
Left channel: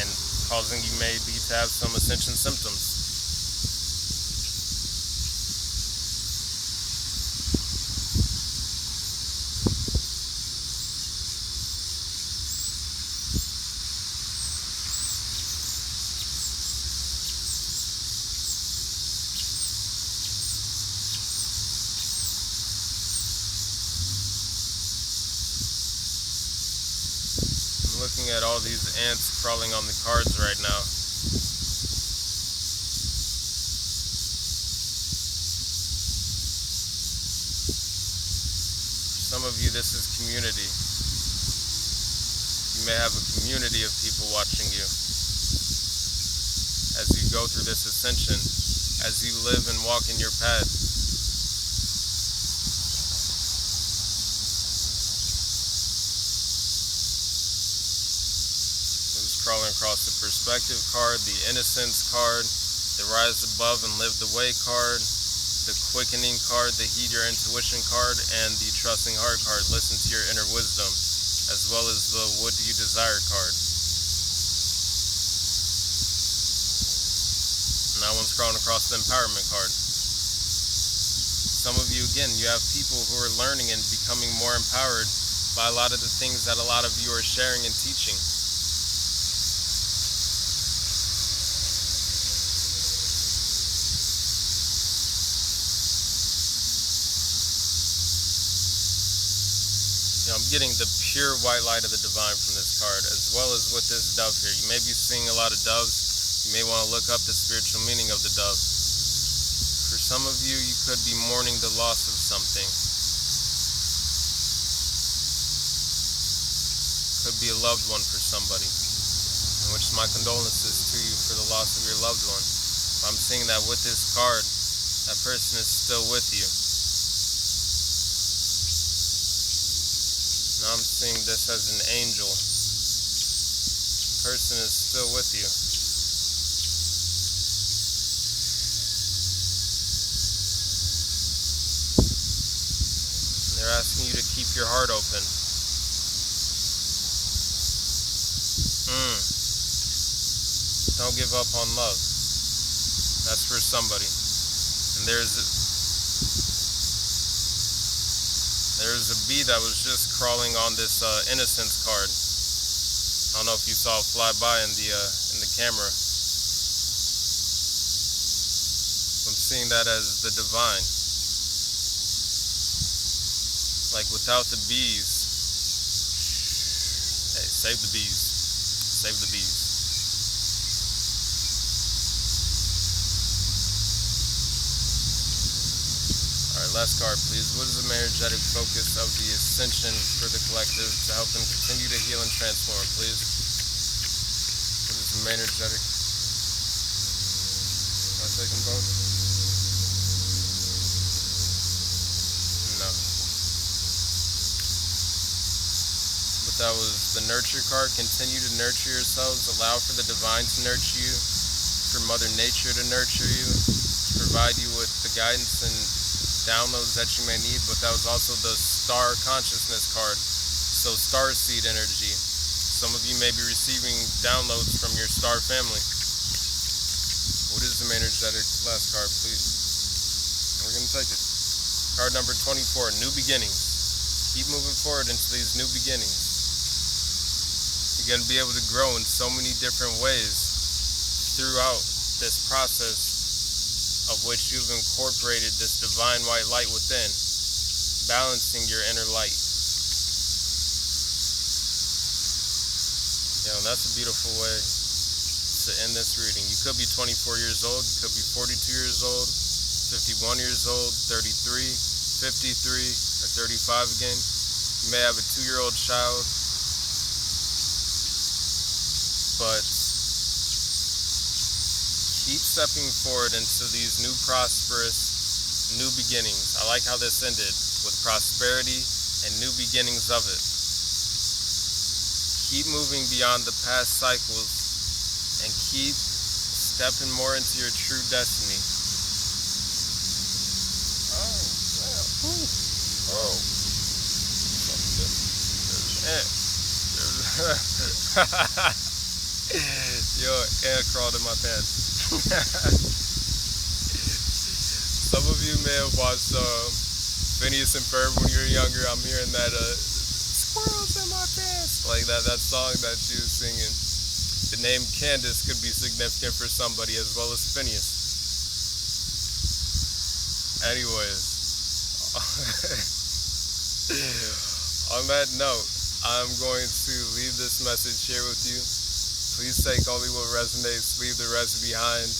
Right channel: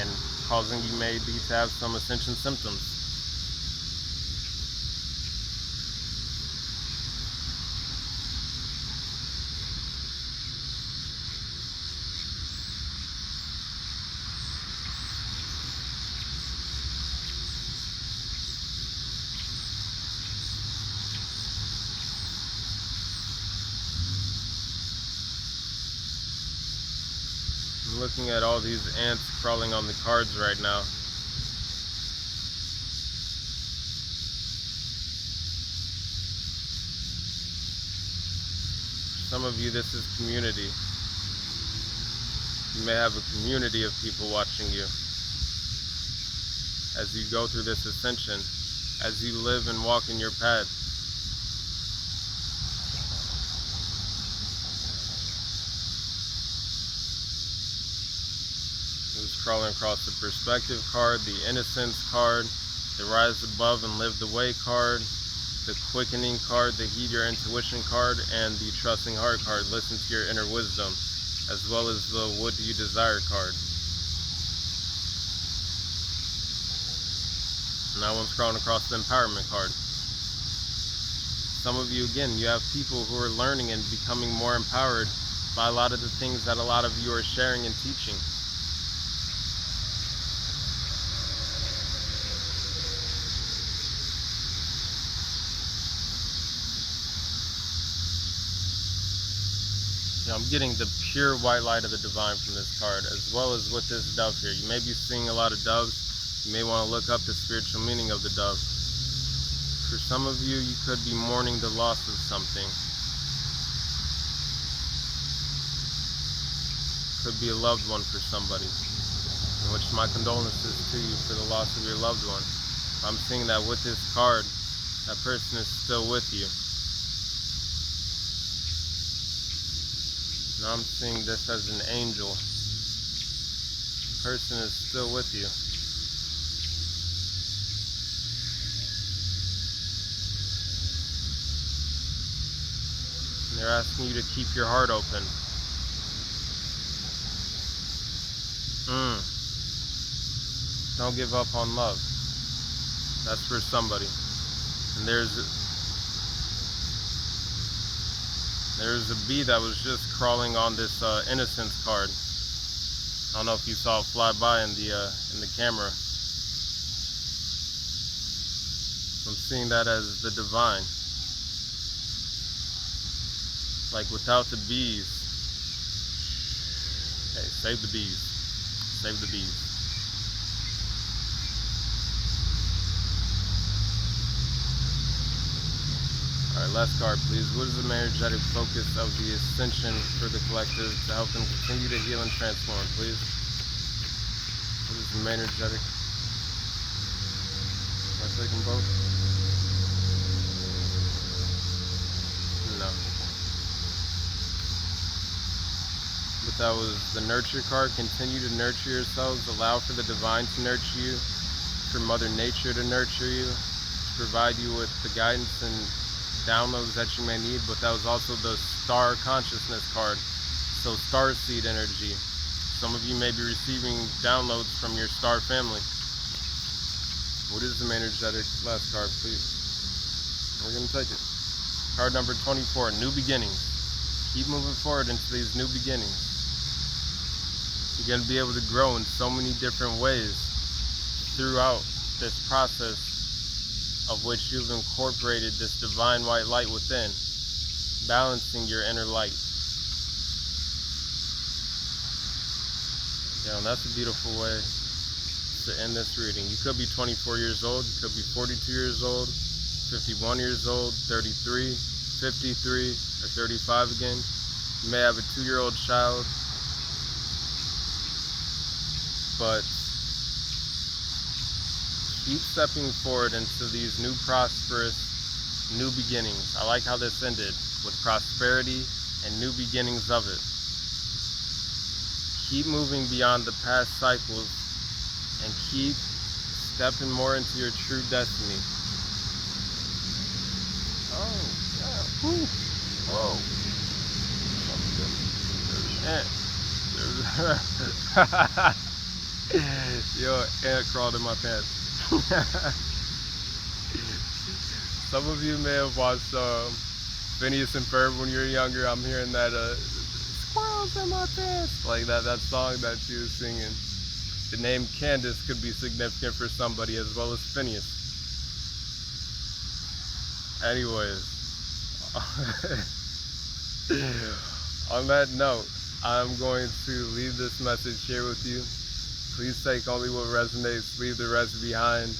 and causing you maybe to have some ascension symptoms. I'm looking at all these ants crawling on the cards right now. Some of you, this is community. You may have a community of people watching you as you go through this ascension, as you live and walk in your path. Who's crawling across the perspective card, the innocence card, the rise above and live the way card, the quickening card, the heed your intuition card, and the trusting heart card, listen to your inner wisdom, as well as the what do you desire card. And that one's crawling across the empowerment card. Some of you, again, you have people who are learning and becoming more empowered by a lot of the things that a lot of you are sharing and teaching. I'm getting the pure white light of the divine from this card, as well as with this dove here. You may be seeing a lot of doves. You may want to look up the spiritual meaning of the dove. For some of you, you could be mourning the loss of something. Could be a loved one for somebody, in which my condolences to you for the loss of your loved one. I'm seeing that with this card, that person is still with you. Now I'm seeing this as an angel. The person is still with you. And they're asking you to keep your heart open. Don't give up on love. That's for somebody. And there's a bee that was just crawling on this innocence card. I don't know if you saw it fly by in the camera. I'm seeing that as the divine. Like without the bees. Hey, save the bees. Save the bees. Last card, please. What is the energetic focus of the ascension for the collective to help them continue to heal and transform, please? What is the energetic? Can I take them both? No. But that was the nurture card. Continue to nurture yourselves. Allow for the divine to nurture you. For Mother Nature to nurture you. To provide you with the guidance and downloads that you may need, but that was also the star consciousness card, so star seed energy. Some of you may be receiving downloads from your star family. What is the energetic last card, please? We're going to take it. Card number 24, new beginnings. Keep moving forward into these new beginnings. You're going to be able to grow in so many different ways throughout this process, of which you've incorporated this divine white light within, balancing your inner light. Yeah, and that's a beautiful way to end this reading. You could be 24 years old, you could be 42 years old, 51 years old, 33, 53, or 35 again. You may have a 2-year-old child, but keep stepping forward into these new prosperous, new beginnings. I like how this ended with prosperity and new beginnings of it. Keep moving beyond the past cycles and keep stepping more into your true destiny. Oh, God. Whoa. Yo, ant crawled in my pants. Some of you may have watched Phineas and Ferb when you were younger. I'm hearing that squirrels in my pants, like that song that she was singing. The name Candace could be significant for somebody as well as Phineas. Anyways, on that note, I'm going to leave this message here with you. Please take only what resonates, leave the rest behind.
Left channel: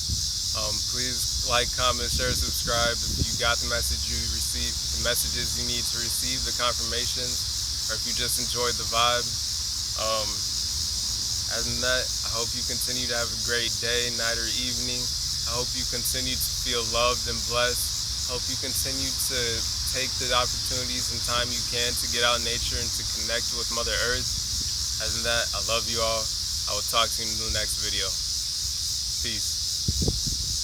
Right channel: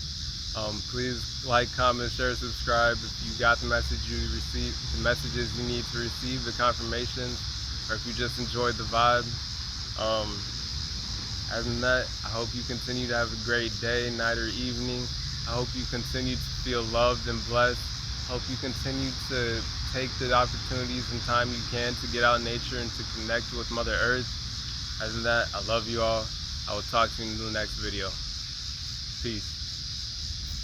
Please like, comment, share, subscribe. If you got the message you received, the messages you need to receive, the confirmations, or if you just enjoyed the vibe. Other than that, I hope you continue to have a great day, night, or evening. I hope you continue to feel loved and blessed. I hope you continue to take the opportunities and time you can to get out in nature and to connect with Mother Earth. Other than that, I love you all. I will talk to you in the next video. Peace.